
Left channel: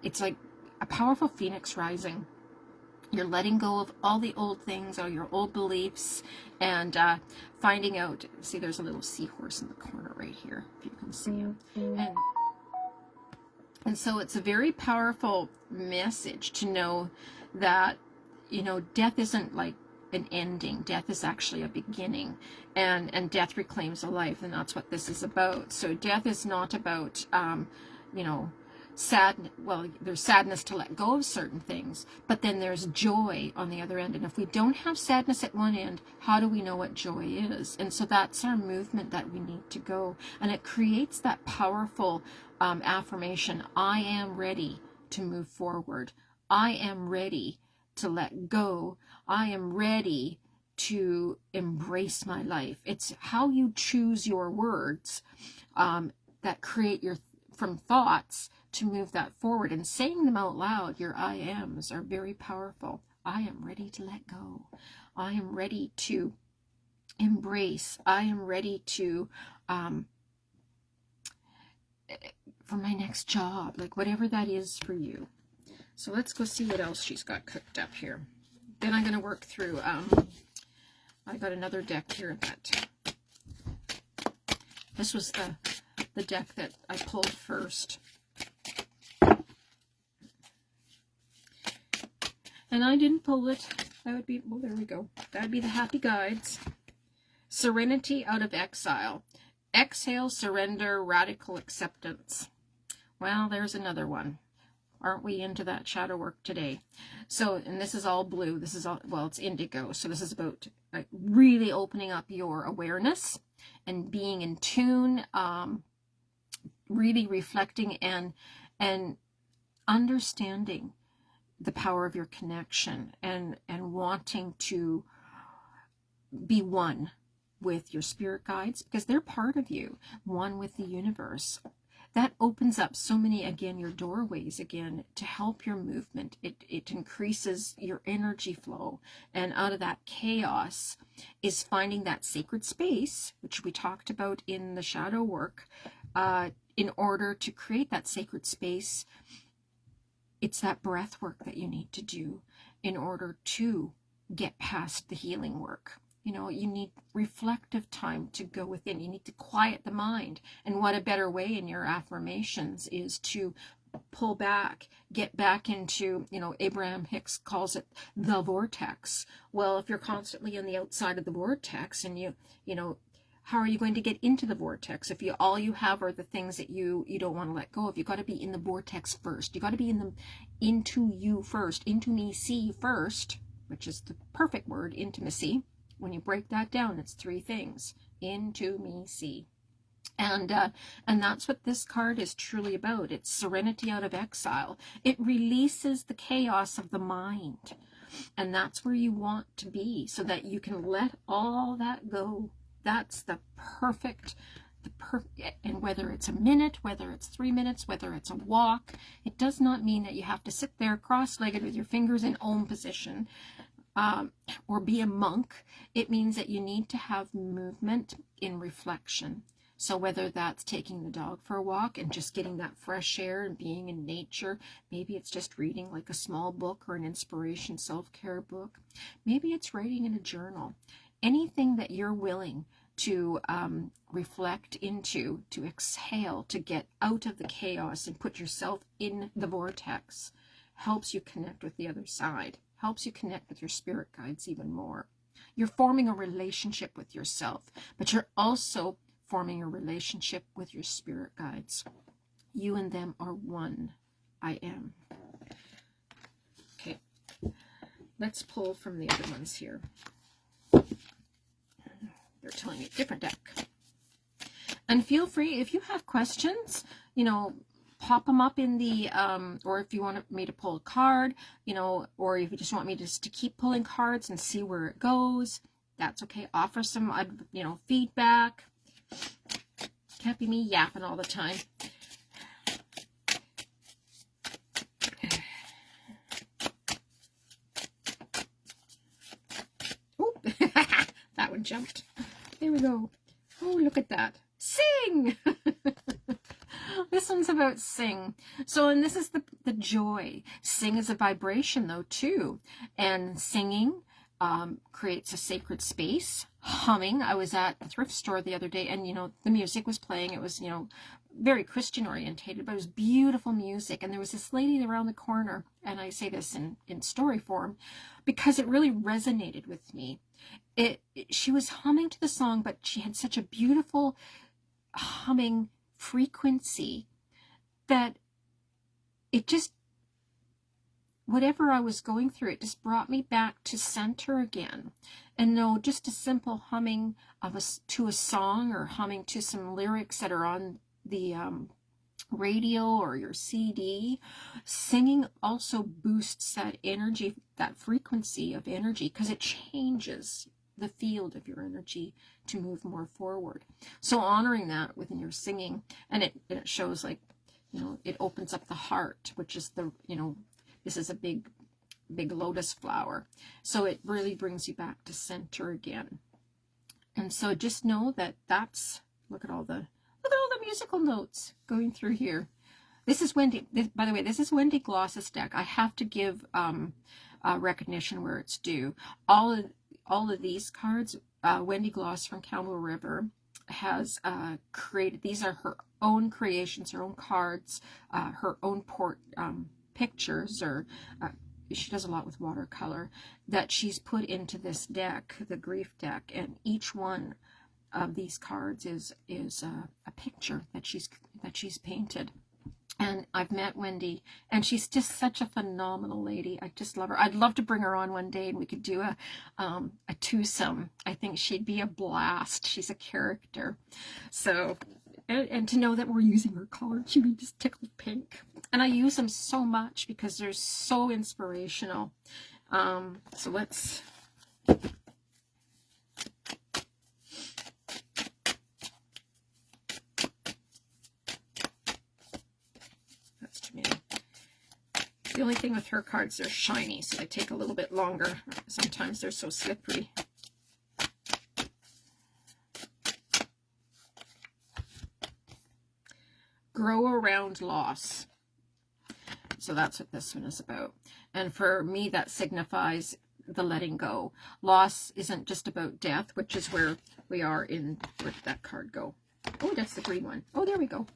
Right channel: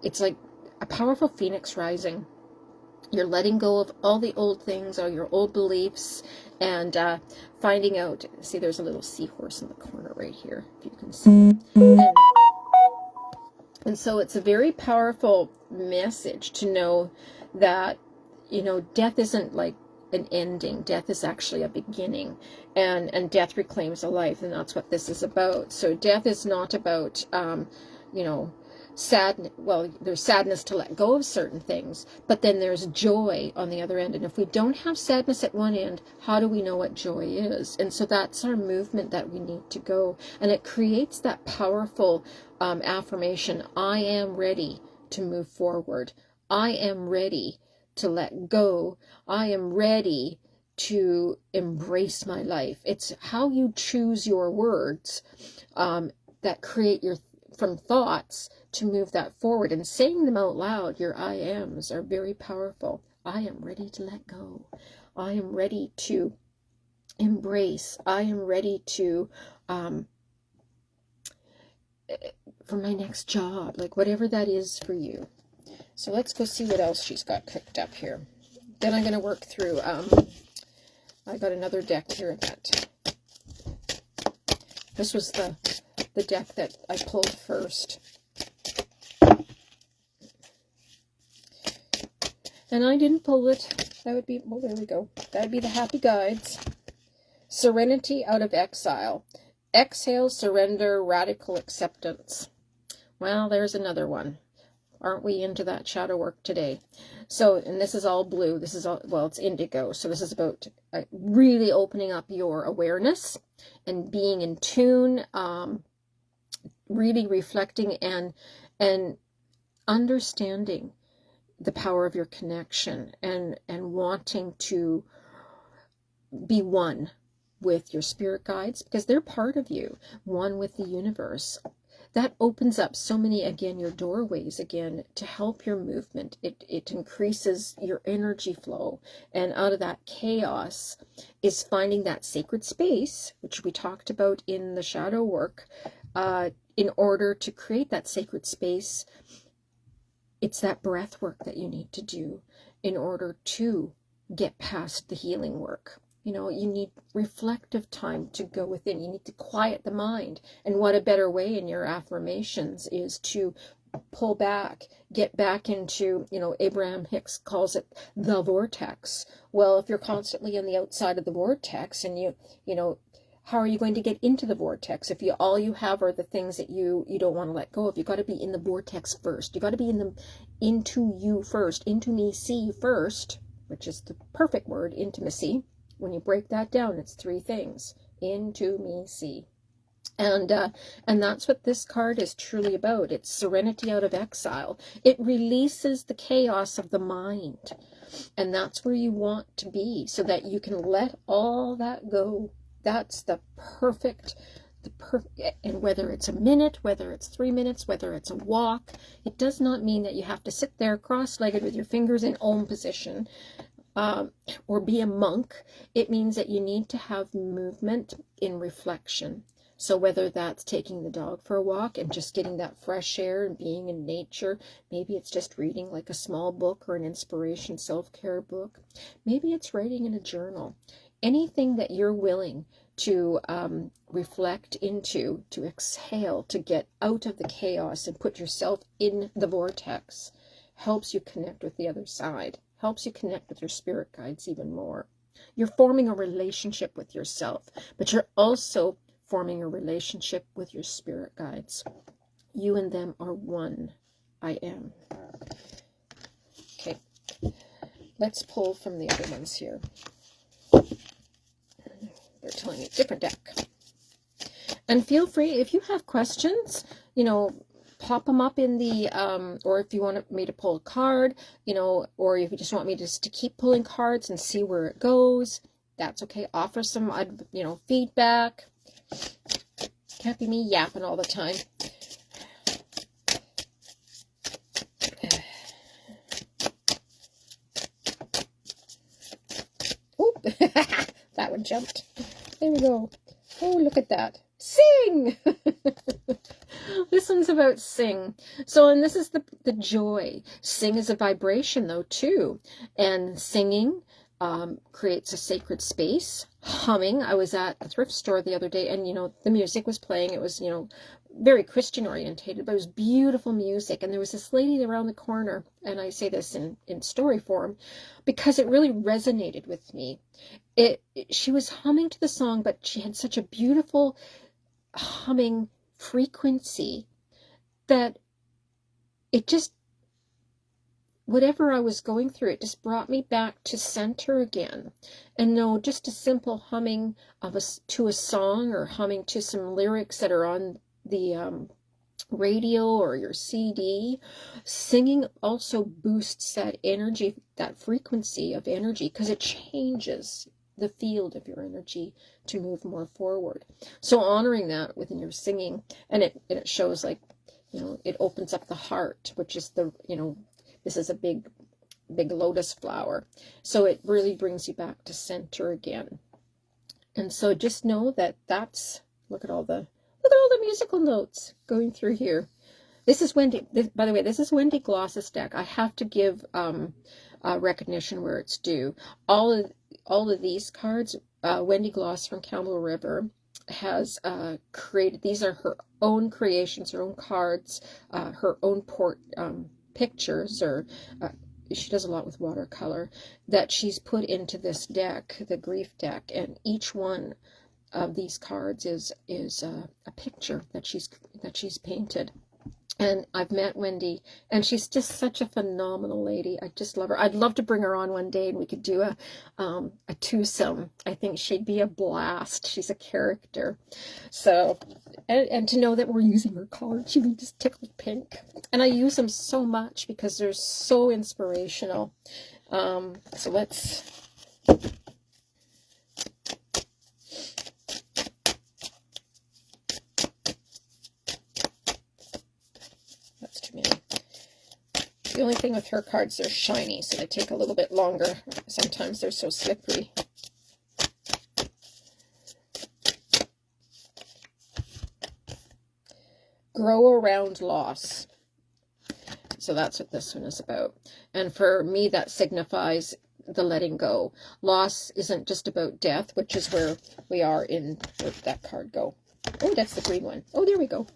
it's like a powerful phoenix rising. You're letting go of all the old things, or your old beliefs, and finding out. See, there's a little seahorse in the corner right here, if you can see. And so it's a very powerful message to know that, you know, death isn't like an ending. Death is actually a beginning, and death reclaims a life, and that's what this is about. So death is not about, you know, sad. Well, there's sadness to let go of certain things, but then there's joy on the other end. And if we don't have sadness at one end, how do we know what joy is? And so that's our movement that we need to go, and it creates that powerful affirmation. I am ready to move forward. I am ready to let go. I am ready to embrace my life. It's how you choose your words that create your from thoughts to move that forward, and saying them out loud. Your I ams are very powerful. I am ready to let go. I am ready to embrace. I am ready to for my next job, like whatever that is for you. So let's go see what else she's got cooked up here. Then I'm going to work through, I got another deck here that, this was the deck that I pulled first. And I didn't pull it. That would be, well, there we go. That would be the Happy Guides. Serenity out of exile. Exhale, surrender, radical acceptance. Well, there's another one. Aren't we into that shadow work today? So, and this is all blue. This is all, well, it's indigo. So this is about really opening up your awareness and being in tune, really reflecting and understanding the power of your connection, and wanting to be one with your spirit guides, because they're part of you, one with the universe. That opens up so many, again, your doorways again to help your movement. It increases your energy flow, and out of that chaos is finding that sacred space, which we talked about in the shadow work. In order to create that sacred space, it's that breath work that you need to do in order to get past the healing work. You know, you need reflective time to go within. You need to quiet the mind. And what a better way in your affirmations is to pull back, get back into, you know, Abraham Hicks calls it the vortex. Well, if you're constantly on the outside of the vortex, and you know, how are you going to get into the vortex if all you have are the things that you don't want to let go of? You got to be in the vortex first. You got to be into you first, into me see first, which is the perfect word, intimacy. When you break that down, it's three things: into me see. And that's what this card is truly about. It's serenity out of exile. It releases the chaos of the mind, and that's where you want to be, so that you can let all that go. That's the perfect, and whether it's a minute, whether it's 3 minutes, whether it's a walk, it does not mean that you have to sit there cross-legged with your fingers in Om position, or be a monk. It means that you need to have movement in reflection. So whether that's taking the dog for a walk and just getting that fresh air and being in nature, maybe it's just reading like a small book or an inspiration self-care book, maybe it's writing in a journal. Anything that you're willing to reflect into, to exhale, to get out of the chaos and put yourself in the vortex, helps you connect with the other side, helps you connect with your spirit guides even more. You're forming a relationship with yourself, but you're also forming a relationship with your spirit guides. You and them are one. I am. Okay, let's pull from the other ones here. They're telling you different deck. And feel free, if you have questions, you know, pop them up in the, or if you want me to pull a card, you know, or if you just want me just to keep pulling cards and see where it goes, that's okay. Offer some, you know, feedback. Can't be me yapping all the time. Oop. That one jumped. There we go. Oh, look at that. Sing! This one's about sing. So, and this is the joy. Sing is a vibration, though, too. And singing creates a sacred space. Humming. I was at the thrift store the other day, and, you know, the music was playing. It was, you know, very Christian orientated, but it was beautiful music. And there was this lady around the corner, and I say this in story form because it really resonated with me. She was humming to the song, but she had such a beautiful humming frequency that it just, whatever I was going through, it just brought me back to center again. And no, just a simple humming to a song, or humming to some lyrics that are on the radio or your CD. Singing also boosts that energy, that frequency of energy, because it changes the field of your energy to move more forward. So honoring that within your singing, and it shows, like, you know, it opens up the heart, which is the, you know, this is a big lotus flower. So it really brings you back to center again. And so just know that that's, look at all the musical notes going through here. This is Wendy, by the way, this is Wendy Gloss's deck. I have to give recognition where it's due. All of these cards, Wendy Gloss from Campbell River has created. These are her own creations, her own cards, her own pictures, or she does a lot with watercolor, that she's put into this deck, the grief deck, and each one of these cards is a picture that she's painted. And I've met Wendy, and she's just such a phenomenal lady. I just love her. I'd love to bring her on one day, and we could do a twosome. I think she'd be a blast. She's a character. So, and to know that we're using her cards, she be just tickled pink. And I use them so much because they're so inspirational. So let's... The only thing with her cards, they're shiny, so they take a little bit longer. Sometimes they're so slippery. Grow around loss. So that's what this one is about. And for me, that signifies the letting go. Loss isn't just about death, which is where we are in, where did that card go? Oh, that's the green one. Oh, there we go.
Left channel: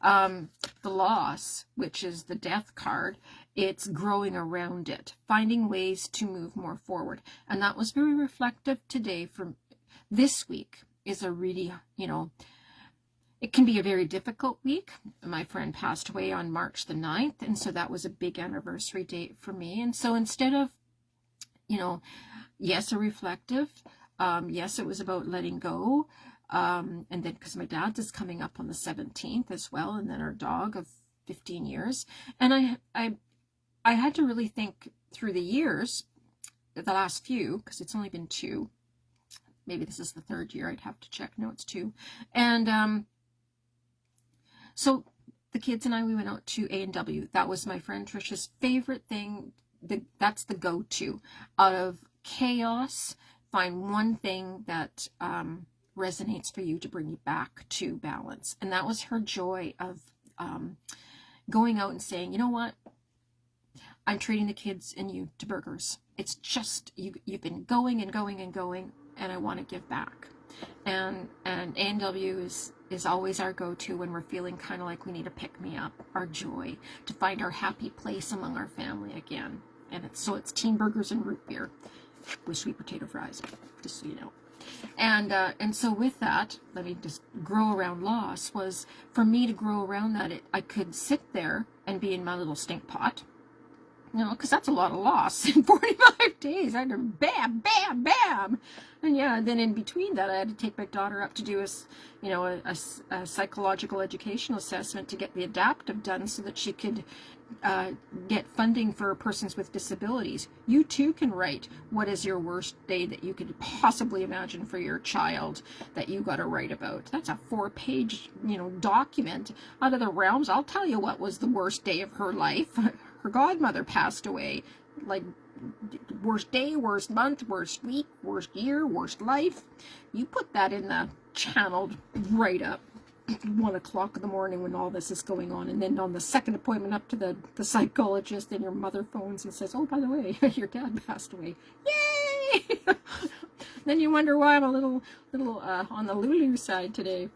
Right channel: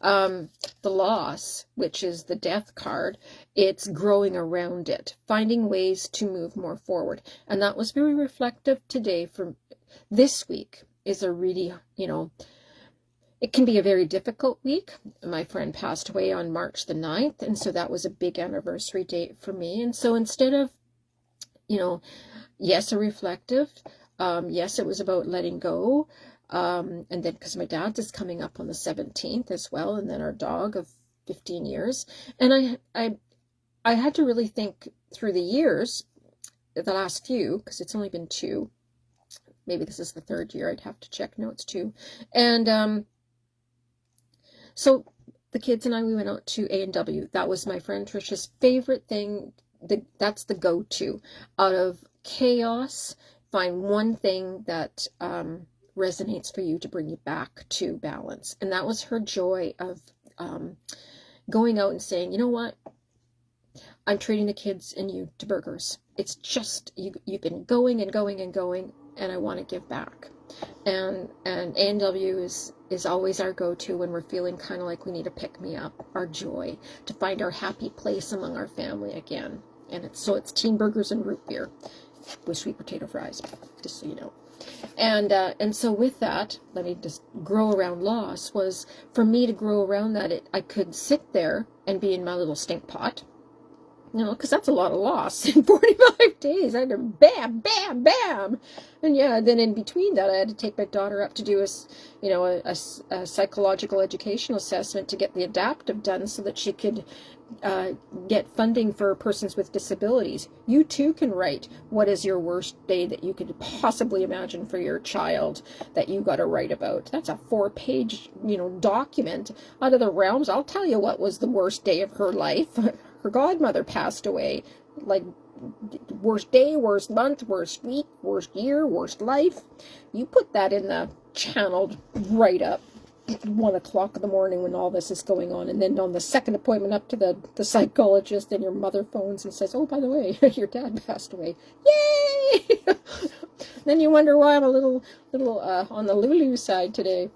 The loss, which is the death card, it's growing around it, finding ways to move more forward. And that was very reflective today. From this week is a really, you know, it can be a very difficult week. My friend passed away on March the 9th, and so that was a big anniversary date for me. And so instead of, you know, yes, a reflective, yes, it was about letting go. And then because my dad's is coming up on the 17th as well, and then our dog of 15 years. And I had to really think through the years, the last few, because it's only been 2. Maybe this is the 3rd year. I'd have to check. No, it's 2. And so the kids and I, we went out to A&W. That was my friend Trisha's favorite thing. That's the go-to. Out of chaos, find one thing that resonates for you to bring you back to balance. And that was her joy of going out and saying, you know what, I'm treating the kids and you to burgers. It's just, you've been going and going and going, and I want to give back. And A&W is always our go-to when we're feeling kind of like we need to pick me up, our joy, to find our happy place among our family again. And it's teen burgers and root beer with sweet potato fries, just so you know. And so with that, let me just grow around loss, was for me to grow around that, I could sit there and be in my little stink pot, you know, because that's a lot of loss in 45 days. I had to bam, bam, bam. And yeah, then in between that, I had to take my daughter up to do a psychological educational assessment to get the adaptive done so that she could get funding for persons with disabilities. You too can write what is your worst day that you could possibly imagine for your child that you got to write about. That's a 4-page, document out of the realms. I'll tell you what was the worst day of her life. Her godmother passed away. Like, worst day, worst month, worst week, worst year, worst life. You put that in the channeled write-up. 1 o'clock in the morning when all this is going on, and then on the second appointment up to the psychologist, then your mother phones and says, oh, by the way, your dad passed away. Yay! Then you wonder why I'm a little on the Lulu side today.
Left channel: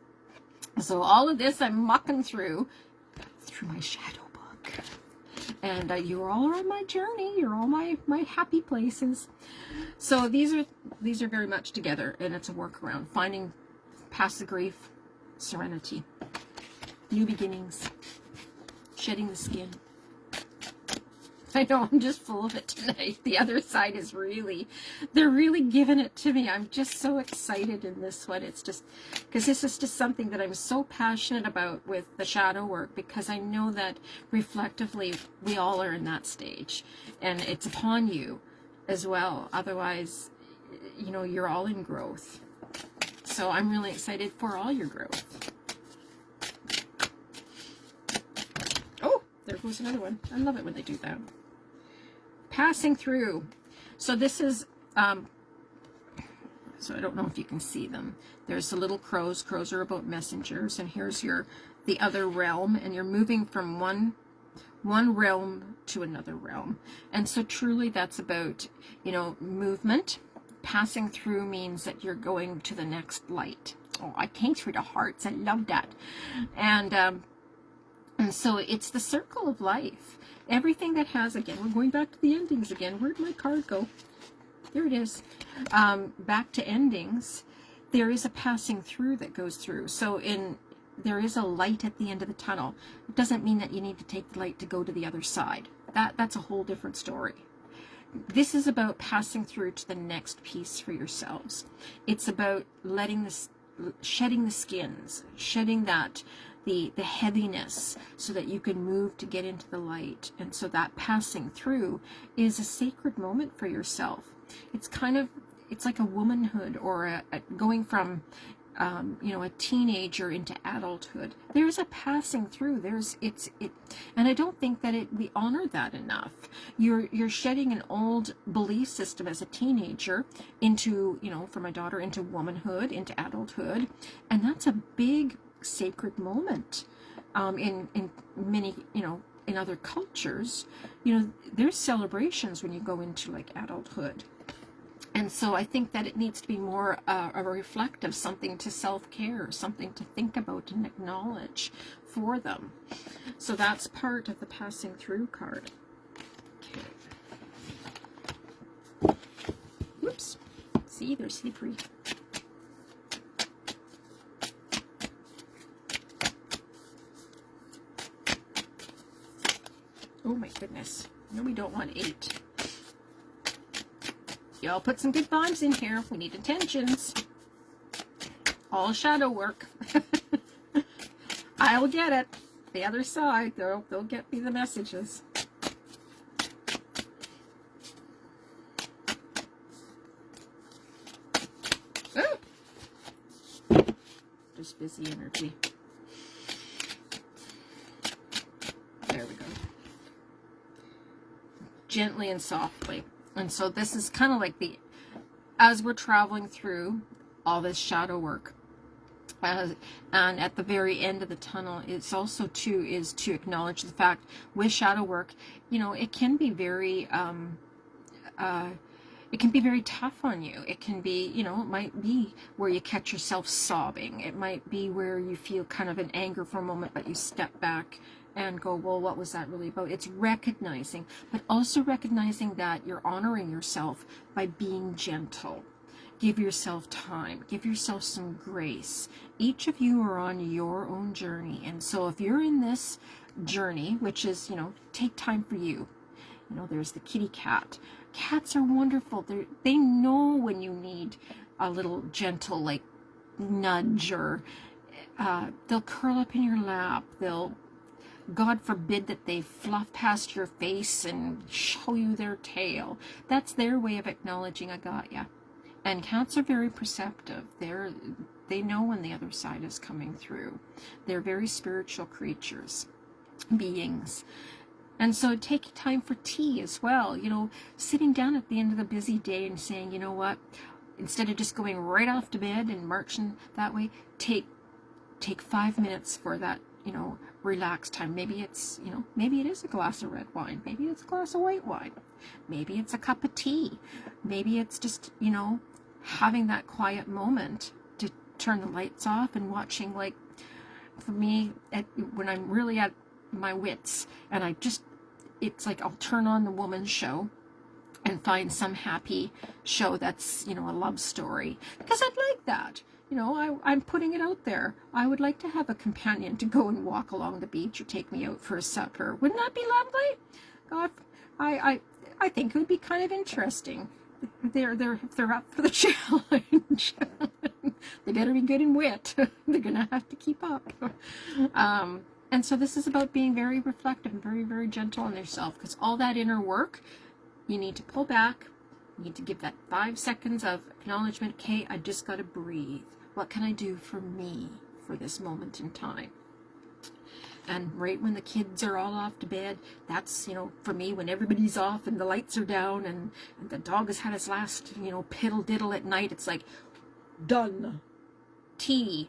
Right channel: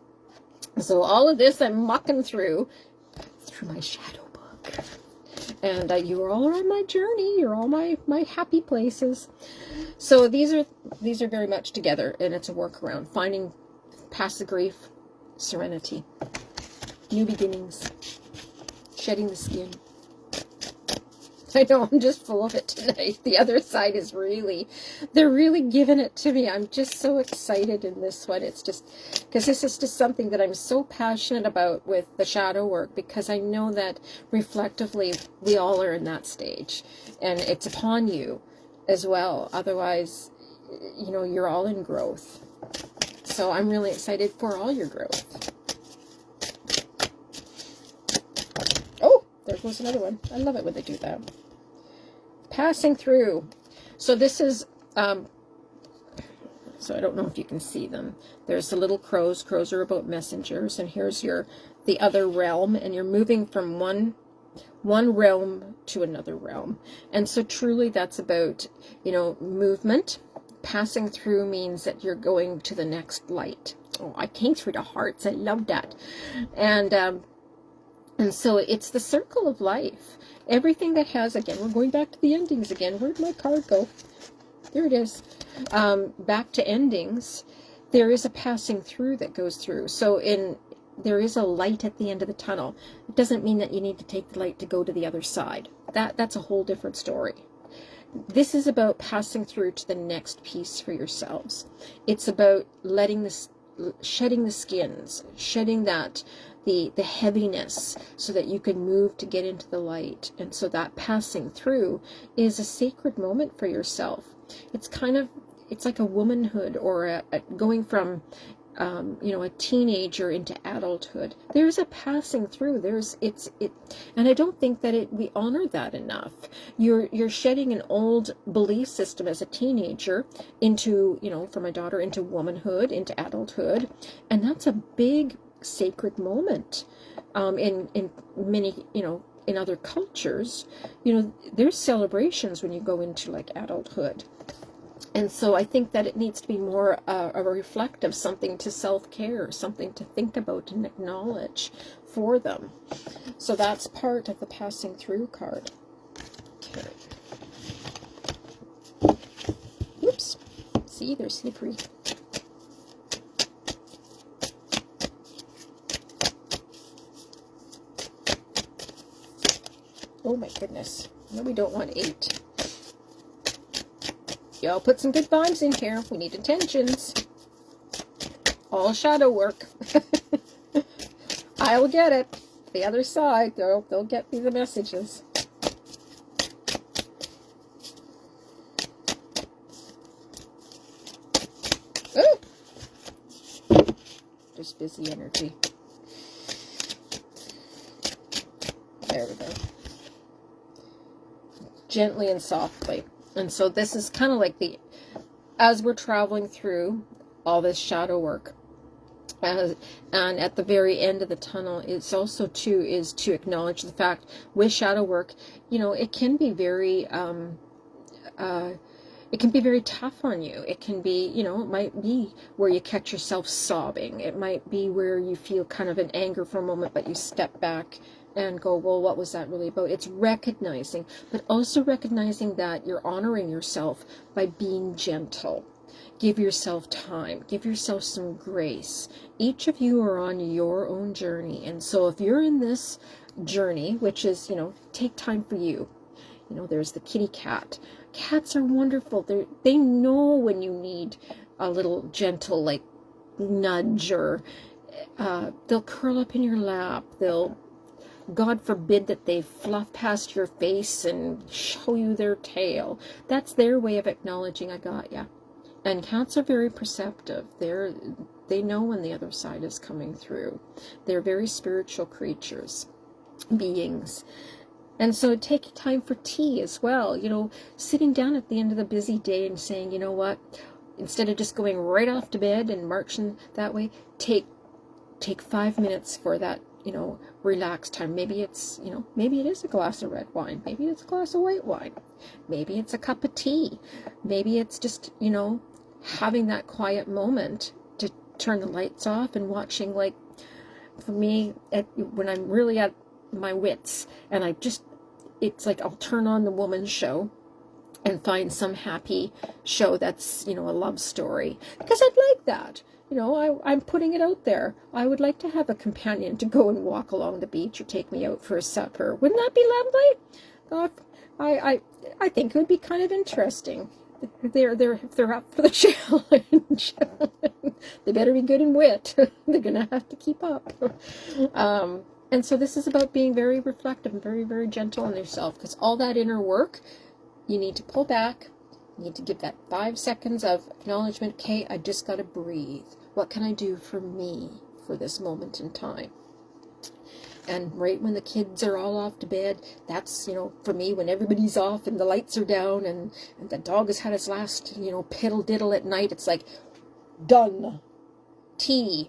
So all of this I'm mucking through my shadow book, and you are all on my journey. You're all my happy places. So these are very much together, and it's a workaround, finding past the grief, serenity, new beginnings, shedding the skin. I know, I'm just full of it tonight. The other side is they're really giving it to me. I'm just so excited in this one. It's just, because this is just something that I'm so passionate about with the shadow work, because I know that reflectively we all are in that stage, and it's upon you as well. Otherwise, you know, you're all in growth. So I'm really excited for all your growth. Oh, there goes another one. I love it when they do that. Passing through. So this is, so I don't know if you can see them. There's the little crows. Crows are about messengers. And here's the other realm. And you're moving from one realm to another realm. And so truly that's about, you know, movement. Passing through means that you're going to the next light. Oh, I came through the hearts. I love that. And so it's the circle of life. Everything that has, again, we're going back to the endings again. Where'd my card go? There it is. Back to endings. There is a passing through that goes through. So there is a light at the end of the tunnel. It doesn't mean that you need to take the light to go to the other side. That's a whole different story. This is about passing through to the next piece for yourselves. It's about shedding the skins, shedding the heaviness, so that you can move to get into the light. And so that passing through is a sacred moment for yourself. It's like a womanhood, or going from you know, a teenager into adulthood. There's a passing through. And I don't think that we honor that enough. You're shedding an old belief system as a teenager into, you know, for my daughter, into womanhood, into adulthood, and that's a big sacred moment. In many, you know, in other cultures, you know, there's celebrations when you go into like adulthood. And so I think that it needs to be more a reflective, something to self-care, something to think about and acknowledge for them. So that's part of the passing through card. Okay. Oops. See, they're slippery. Oh my goodness. No, we don't want 8. Y'all put some good vibes in here. We need intentions. All shadow work. I will get it. The other side, they'll get me the messages. Ooh. Just busy energy. There we go. Gently and softly. And so this is kind of like as we're traveling through all this shadow work, and at the very end of the tunnel, it's also is to acknowledge the fact with shadow work, you know, it can be very tough on you. It can be, you know, it might be where you catch yourself sobbing. It might be where you feel kind of an anger for a moment, but you step back and go, well, what was that really about? It's recognizing, but also recognizing that you're honoring yourself by being gentle. Give yourself time. Give yourself some grace. Each of you are on your own journey. And so if you're in this journey, which is, you know, take time for you. You know, there's the kitty cat. Cats are wonderful. They know when you need a little gentle, like, nudge, or they'll curl up in your lap. God forbid that they fluff past your face and show you their tail. That's their way of acknowledging I got ya. And cats are very perceptive. They know when the other side is coming through. They're very spiritual creatures, beings. And so take time for tea as well. You know, sitting down at the end of the busy day and saying, you know what, instead of just going right off to bed and marching that way, take 5 minutes for that, you know, relaxed time. Maybe it's, you know, maybe it is a glass of red wine. Maybe it's a glass of white wine. Maybe it's a cup of tea. Maybe it's just, you know, having that quiet moment to turn the lights off and watching, like, for me, when I'm really at my wits, and it's like I'll turn on the woman's show and find some happy show that's, you know, a love story, because I'd like that. You know, I'm putting it out there. I would like to have a companion to go and walk along the beach or take me out for a supper. Wouldn't that be lovely? God, I think it would be kind of interesting. If they're up for the challenge. They better be good and wit. They're gonna have to keep up. And so this is about being very reflective and very, very gentle on yourself, because all that inner work, you need to pull back, Need to give that 5 seconds of acknowledgement. Okay, I just got to breathe. What can I do for me for this moment in time? And right when the kids are all off to bed, that's, for me, when everybody's off and the lights are down and the dog has had his last, piddle diddle at night, it's like, done. Tea,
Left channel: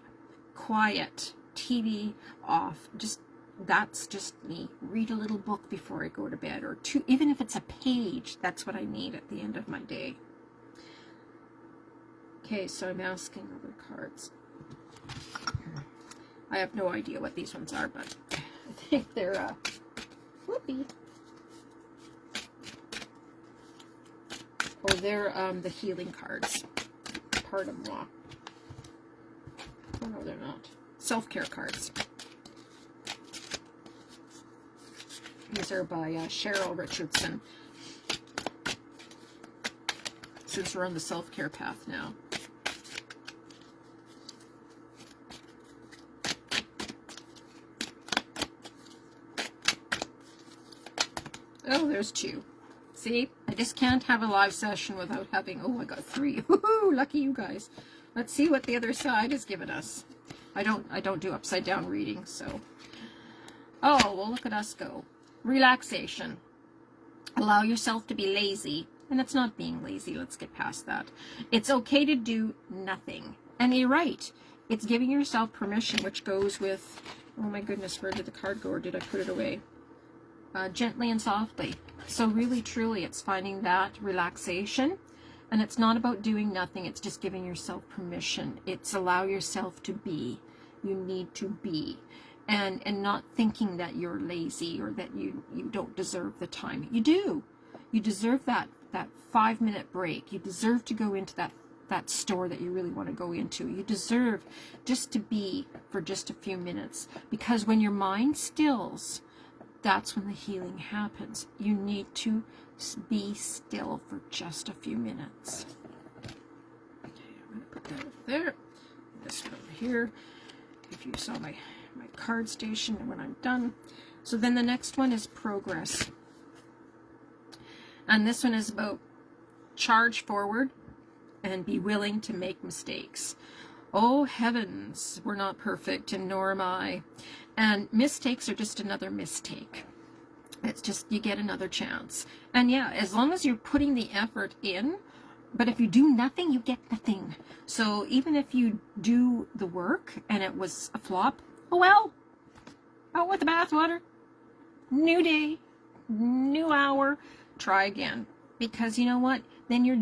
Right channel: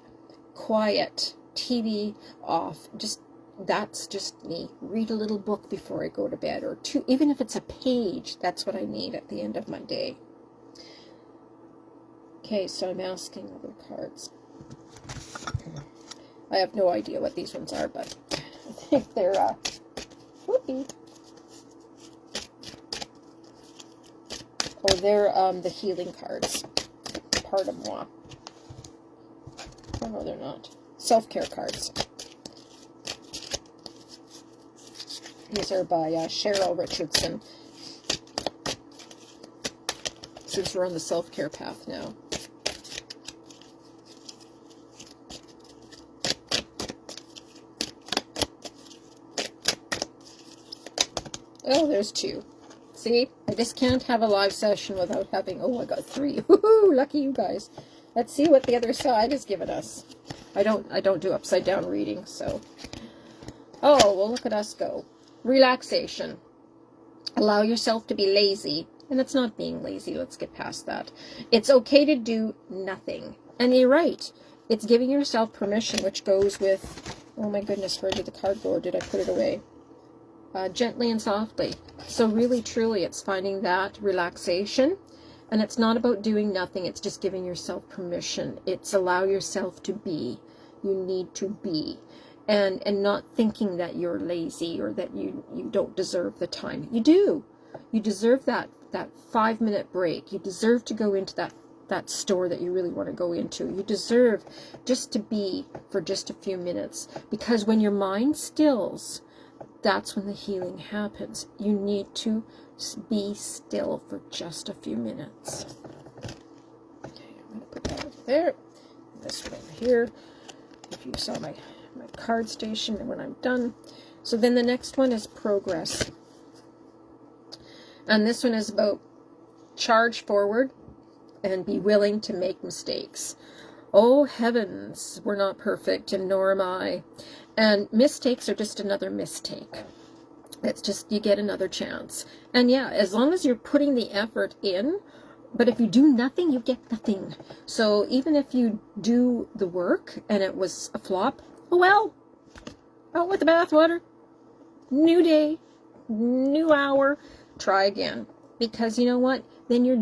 quiet, TV off. That's just me. Read a little book before I go to bed, or two, even if it's a page, that's what I need at the end of my day. Okay, so I'm asking other cards. I have no idea what these ones are, but I think they're, whoopee. Oh, they're, the healing cards. Pardon moi. Oh, no, they're not. Self-care cards. These are by Cheryl Richardson. Since we're on the self-care path now. Oh, there's 2. See? I just can't have a live session without having... Oh, I got 3. Woohoo! Lucky you guys. Let's see what the other side has given us. I don't do upside down reading, so... Oh, well, look at us go. Relaxation. Allow yourself to be lazy. And it's not being lazy. Let's get past that. It's okay to do nothing. And you're right. It's giving yourself permission, which goes with... Oh, my goodness, where did the card go, or did I put it away? Gently and softly. So really, truly, it's finding that relaxation. And it's not about doing nothing. It's just giving yourself permission. It's allow yourself to be. You need to be. And not thinking that you're lazy or that you don't deserve the time. You do. You deserve that 5-minute break. You deserve to go into that store that you really want to go into. You deserve just to be for just a few minutes. Because when your mind stills, that's when the healing happens. You need to be still for just a few minutes. Okay, I'm going to put that over there. This one over here. If you saw my card station and when I'm done. So then the next one is progress. And this one is about charge forward and be willing to make mistakes. Oh heavens, we're not perfect, and nor am I. And mistakes are just another mistake. It's just, you get another chance. And yeah, as long as you're putting the effort in, but if you do nothing, you get nothing. So even if you do the work and it was a flop, oh well, out with the bathwater. New day, new hour, try again. Because you know what? Then you're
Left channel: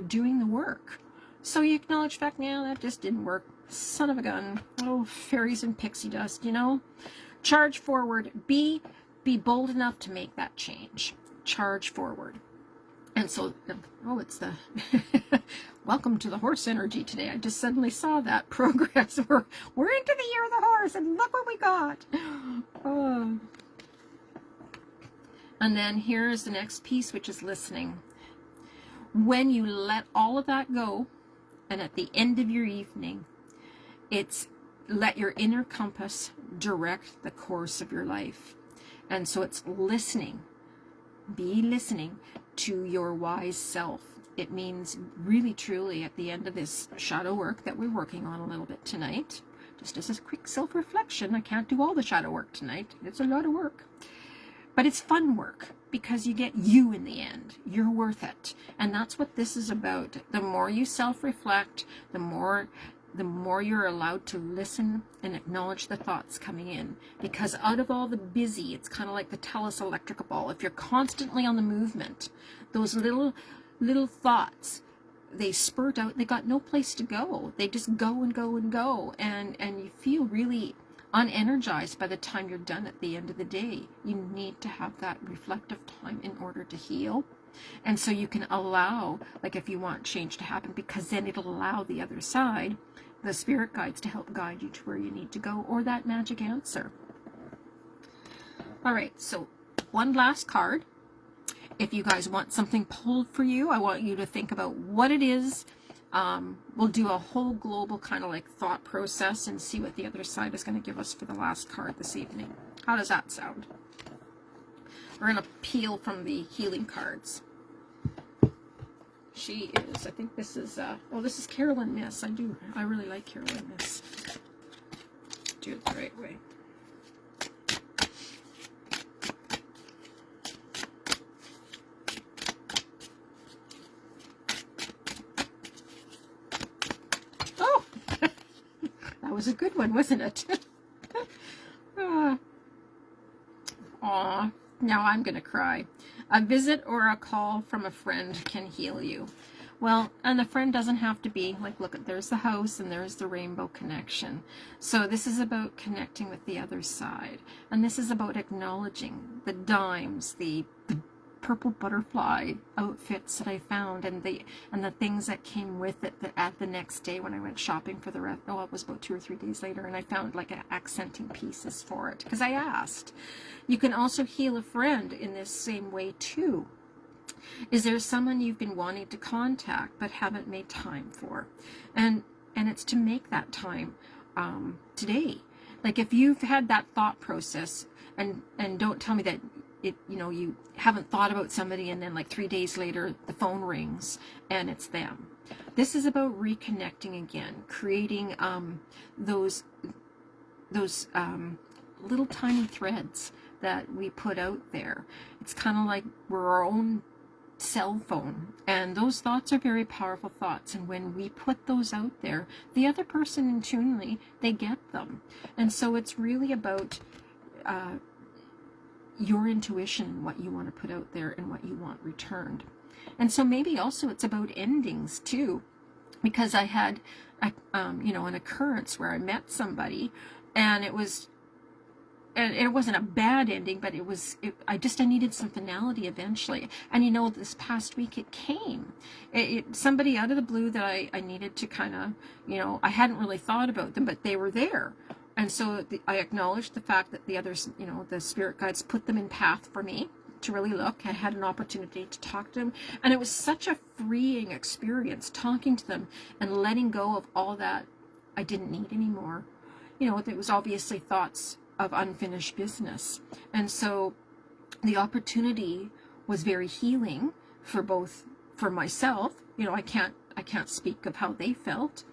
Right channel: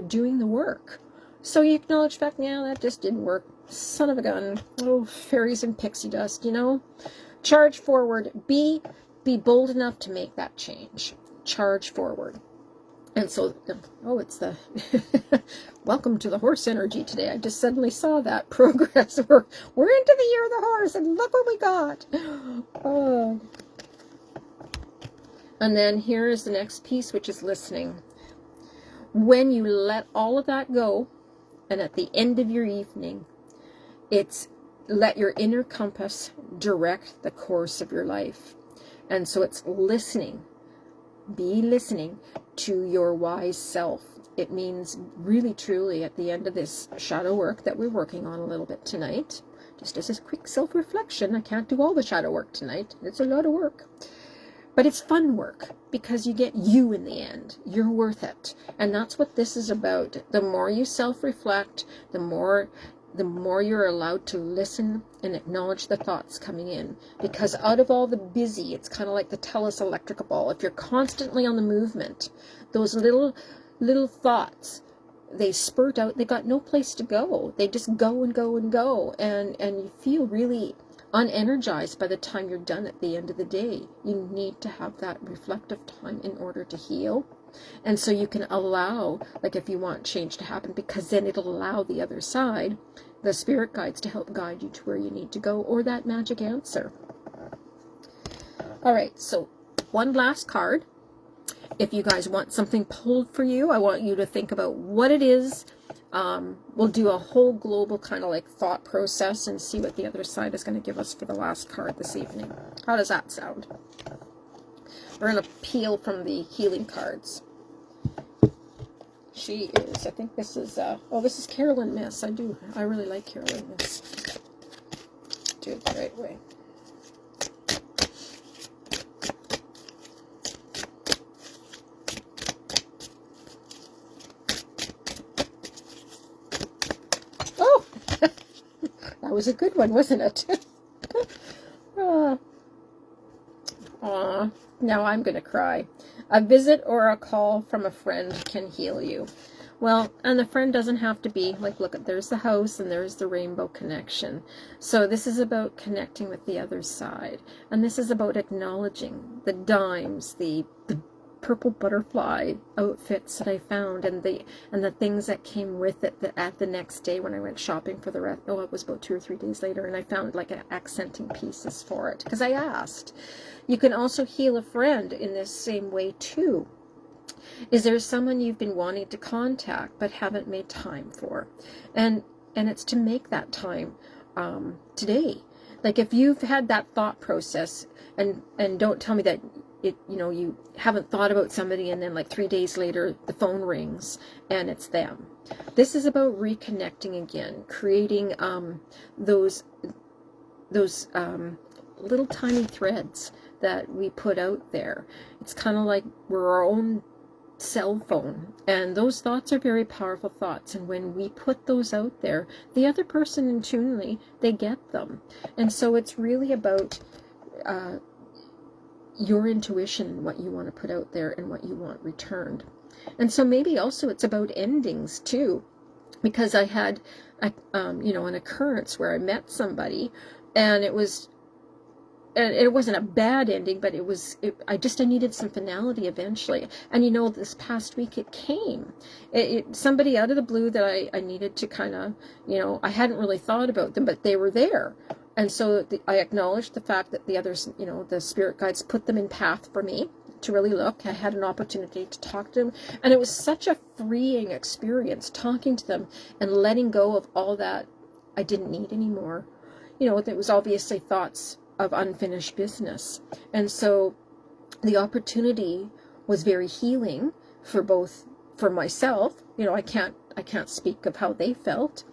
doing the work. So you acknowledge the fact, yeah, that just didn't work. Son of a gun. Oh, fairies and pixie dust, Charge forward. Be bold enough to make that change. Charge forward. And so, oh, it's the welcome to the horse energy today. I just suddenly saw that progress. We're into the year of the horse, and look what we got. And then here is the next piece, which is listening. When you let all of that go, and at the end of your evening, it's let your inner compass direct the course of your life. And so it's listening. Be listening to your wise self. It means really, truly, at the end of this shadow work that we're working on a little bit tonight, just as a quick self-reflection, I can't do all the shadow work tonight. It's a lot of work. But it's fun work because you get you in the end. You're worth it. And that's what this is about. The more you self-reflect, the more you're allowed to listen and acknowledge the thoughts coming in. Because out of all the busy, it's kind of like the TELUS electrical ball. If you're constantly on the movement, those little thoughts, they spurt out. They got no place to go. They just go and go and go. And you feel really unenergized by the time you're done at the end of the day. You need to have that reflective time in order to heal. And so you can allow, like if you want change to happen, because then it'll allow the other side, the spirit guides, to help guide you to where you need to go, or that magic answer. All right, so one last card. If you guys want something pulled for you, I want you to think about what it is. We'll do a whole global kind of like thought process and see what the other side is going to give us for the last card this evening. How does that sound? We're going to peel from the healing cards. she is. I think this is, oh, this is Carolyn Miss. I really like Carolyn Miss. Do it the right way. Oh, that was a good one, wasn't it? Now I'm going to cry. A visit or a call from a friend can heal you. Well, and the friend doesn't have to be, like, look, there's the house and there's the rainbow connection. So this is about connecting with the other side. And this is about acknowledging the dimes, the purple butterfly outfits that I found, and the things that came with it at the next day when I went shopping for the rest. Oh, it was about 2 or 3 days later, and I found like accenting pieces for it because I asked. You can also heal a friend in this same way too. Is there someone you've been wanting to contact but haven't made time for? And it's to make that time today. Like if you've had that thought process, and don't tell me that you haven't thought about somebody and then like 3 days later the phone rings and it's them. This is about reconnecting again, creating those little tiny threads that we put out there. It's kind of like we're our own cell phone, and those thoughts are very powerful thoughts, and when we put those out there, the other person intuitively, they get them. And so it's really about your intuition, what you want to put out there and what you want returned. And so maybe also it's about endings too, because I had an occurrence where I met somebody, and it wasn't a bad ending, but I needed some finality eventually. And this past week it came. Somebody out of the blue that I needed to kind of, I hadn't really thought about them, but they were there. And so I acknowledged the fact that the others, the spirit guides put them in path for me to really look. I had an opportunity to talk to them. And it was such a freeing experience talking to them and letting go of all that I didn't need anymore. It was obviously thoughts of unfinished business. And so the opportunity was very healing for myself. I can't speak of how they felt.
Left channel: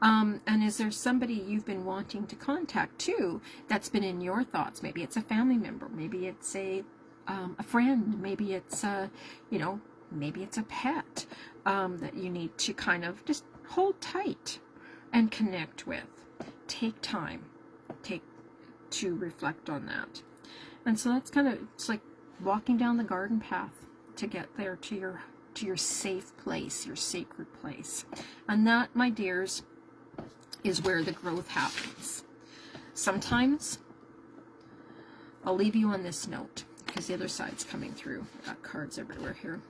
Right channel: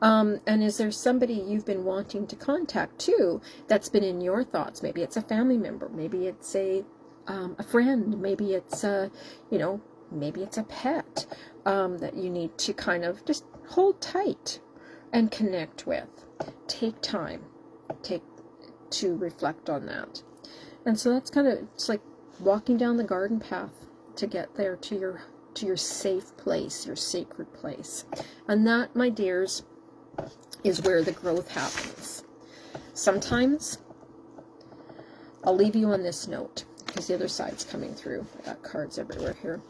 And is there somebody you've been wanting to contact too that's been in your thoughts? Maybe it's a family member, maybe it's a friend, maybe it's maybe it's a pet that you need to kind of just hold tight and connect with. Take time to reflect on that. And so that's it's like walking down the garden path to get there to your safe place, your sacred place. And that, my dears, is where the growth happens. Sometimes I'll leave you on this note because the other side's coming through. I got cards everywhere here.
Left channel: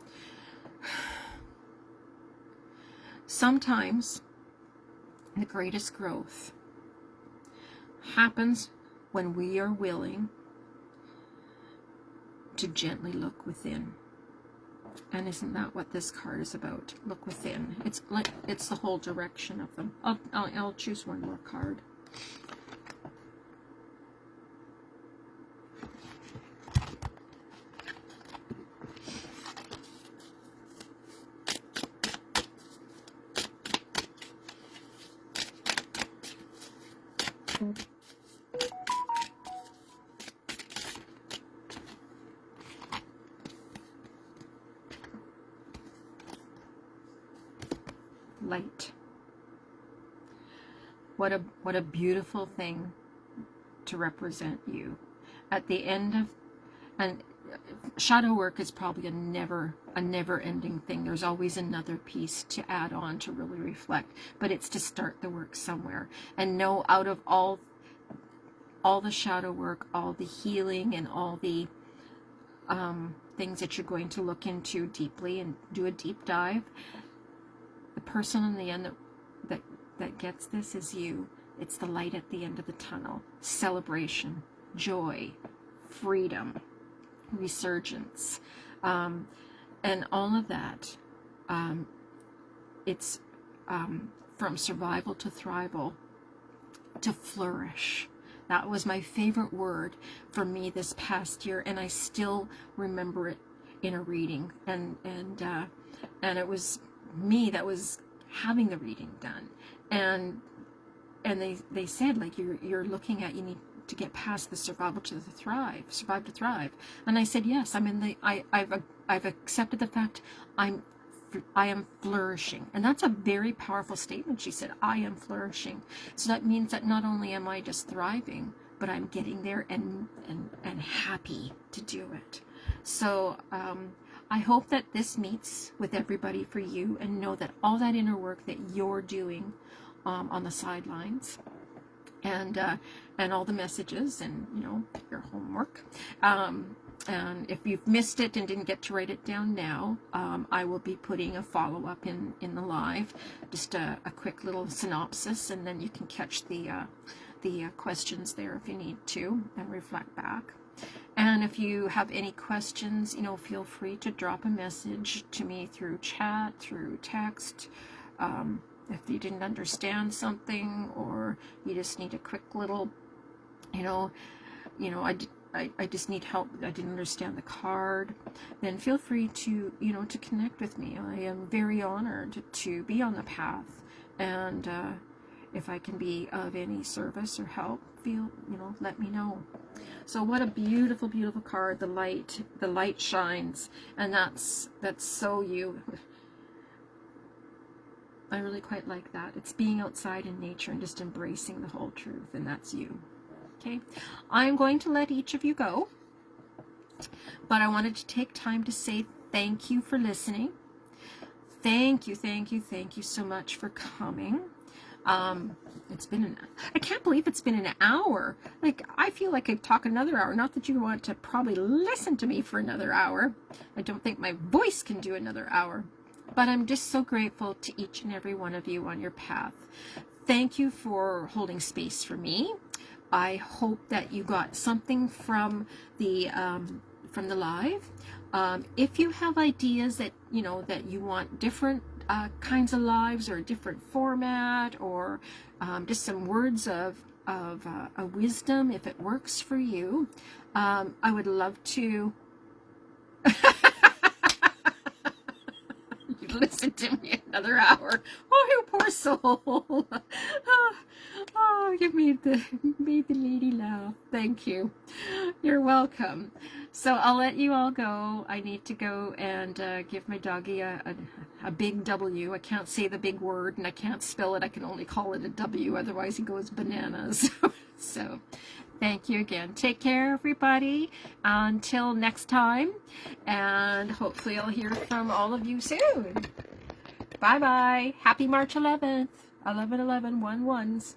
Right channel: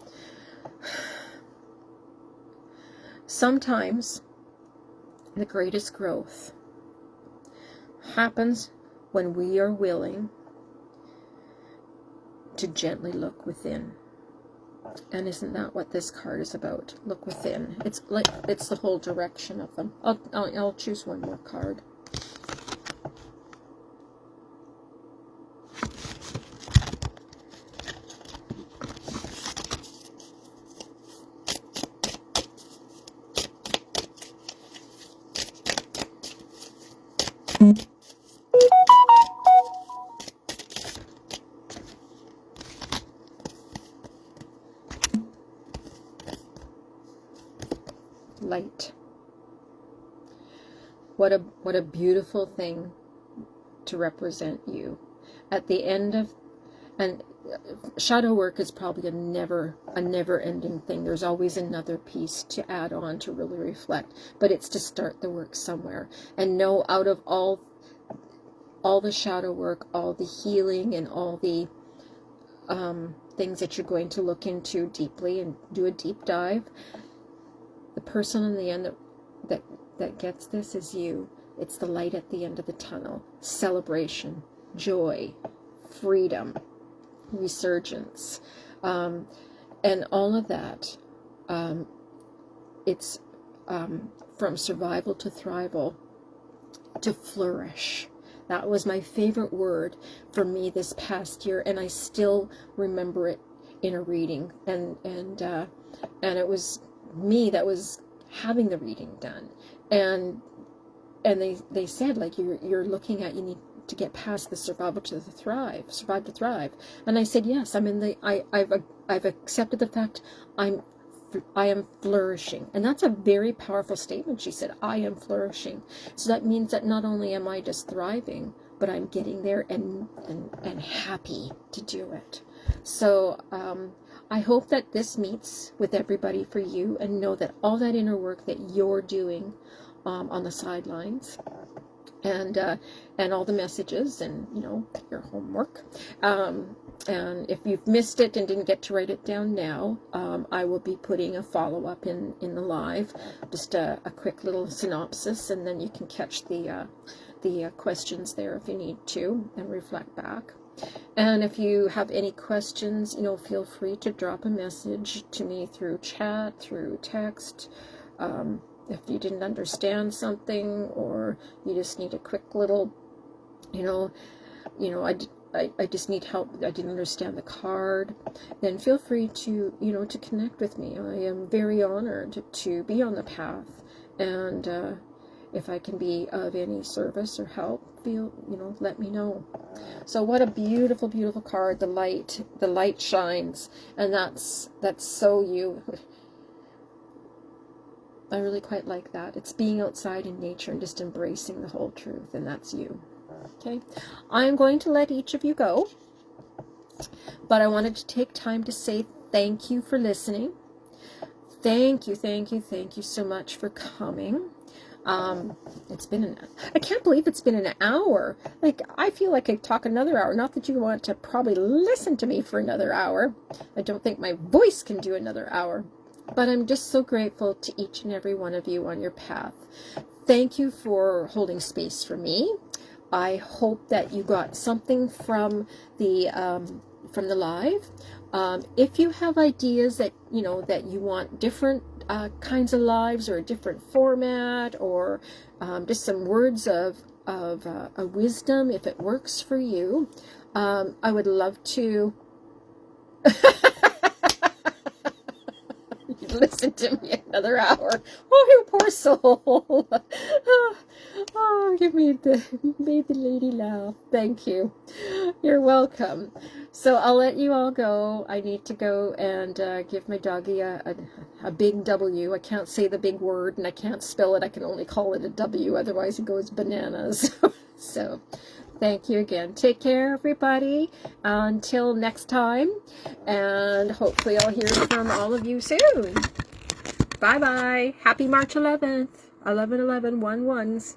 Sometimes the greatest growth happens when we are willing to gently look within. And isn't that what this card is about? Look within. It's the whole direction of them. I'll choose one more card. Light. What a beautiful thing to represent you. At the end of, and shadow work is probably a never ending thing. There's always another piece to add on to really reflect, but it's to start the work somewhere and know out of all the shadow work, all the healing, and all the things that you're going to look into deeply and do a deep dive. The person in the end that gets this is you. It's the light at the end of the tunnel. Celebration, joy, freedom, resurgence, and all of that. It's from survival to thrival to flourish. That was my favorite word for me this past year, and I still remember it in a reading, and it was me that was having the reading done. And they said, like, you're looking at, you need to get past the survive to thrive. And I said, yes, I've accepted the fact I am flourishing. And that's a very powerful statement. She said, I am flourishing. So that means that not only am I just thriving, but I'm getting there and happy to do it. So I hope that this meets with everybody for you, and know that all that inner work that you're doing on the sidelines, and all the messages, and your homework, and if you've missed it and didn't get to write it down now, I will be putting a follow-up in the live, just a quick little synopsis, and then you can catch the questions there if you need to, and reflect back. And if you have any questions, feel free to drop a message to me through chat, through text. If you didn't understand something, or you just need a quick little, I just need help, I didn't understand the card, then feel free to, to connect with me. I am very honored to be on the path, and if I can be of any service or help, let me know. So what a beautiful, beautiful card. The light shines, and that's so you. I really quite like that. It's being outside in nature and just embracing the whole truth, and that's you. Okay, I'm going to let each of you go, but I wanted to take time to say thank you for listening. Thank you so much for coming. I can't believe it's been an hour. Like, I feel like I could talk another hour. Not that you want to probably listen to me for another hour. I don't think my voice can do another hour. But I'm just so grateful to each and every one of you on your path. Thank you for holding space for me. I hope that you got something from the live. If you have ideas that that you want different kinds of lives, or a different format, or just some words of a wisdom, if it works for you, I would love to listen to me another hour. Oh, you poor soul. Oh, you made the lady laugh. Thank you. You're welcome. So I'll let you all go. I need to go and give my doggy a big W. I can't say the big word, and I can't spell it. I can only call it a W. Otherwise, he goes bananas. So thank you again. Take care, everybody. Until next time. And hopefully I'll hear from all of you soon. Bye-bye. Happy March 11th. 11/11, 1/1s.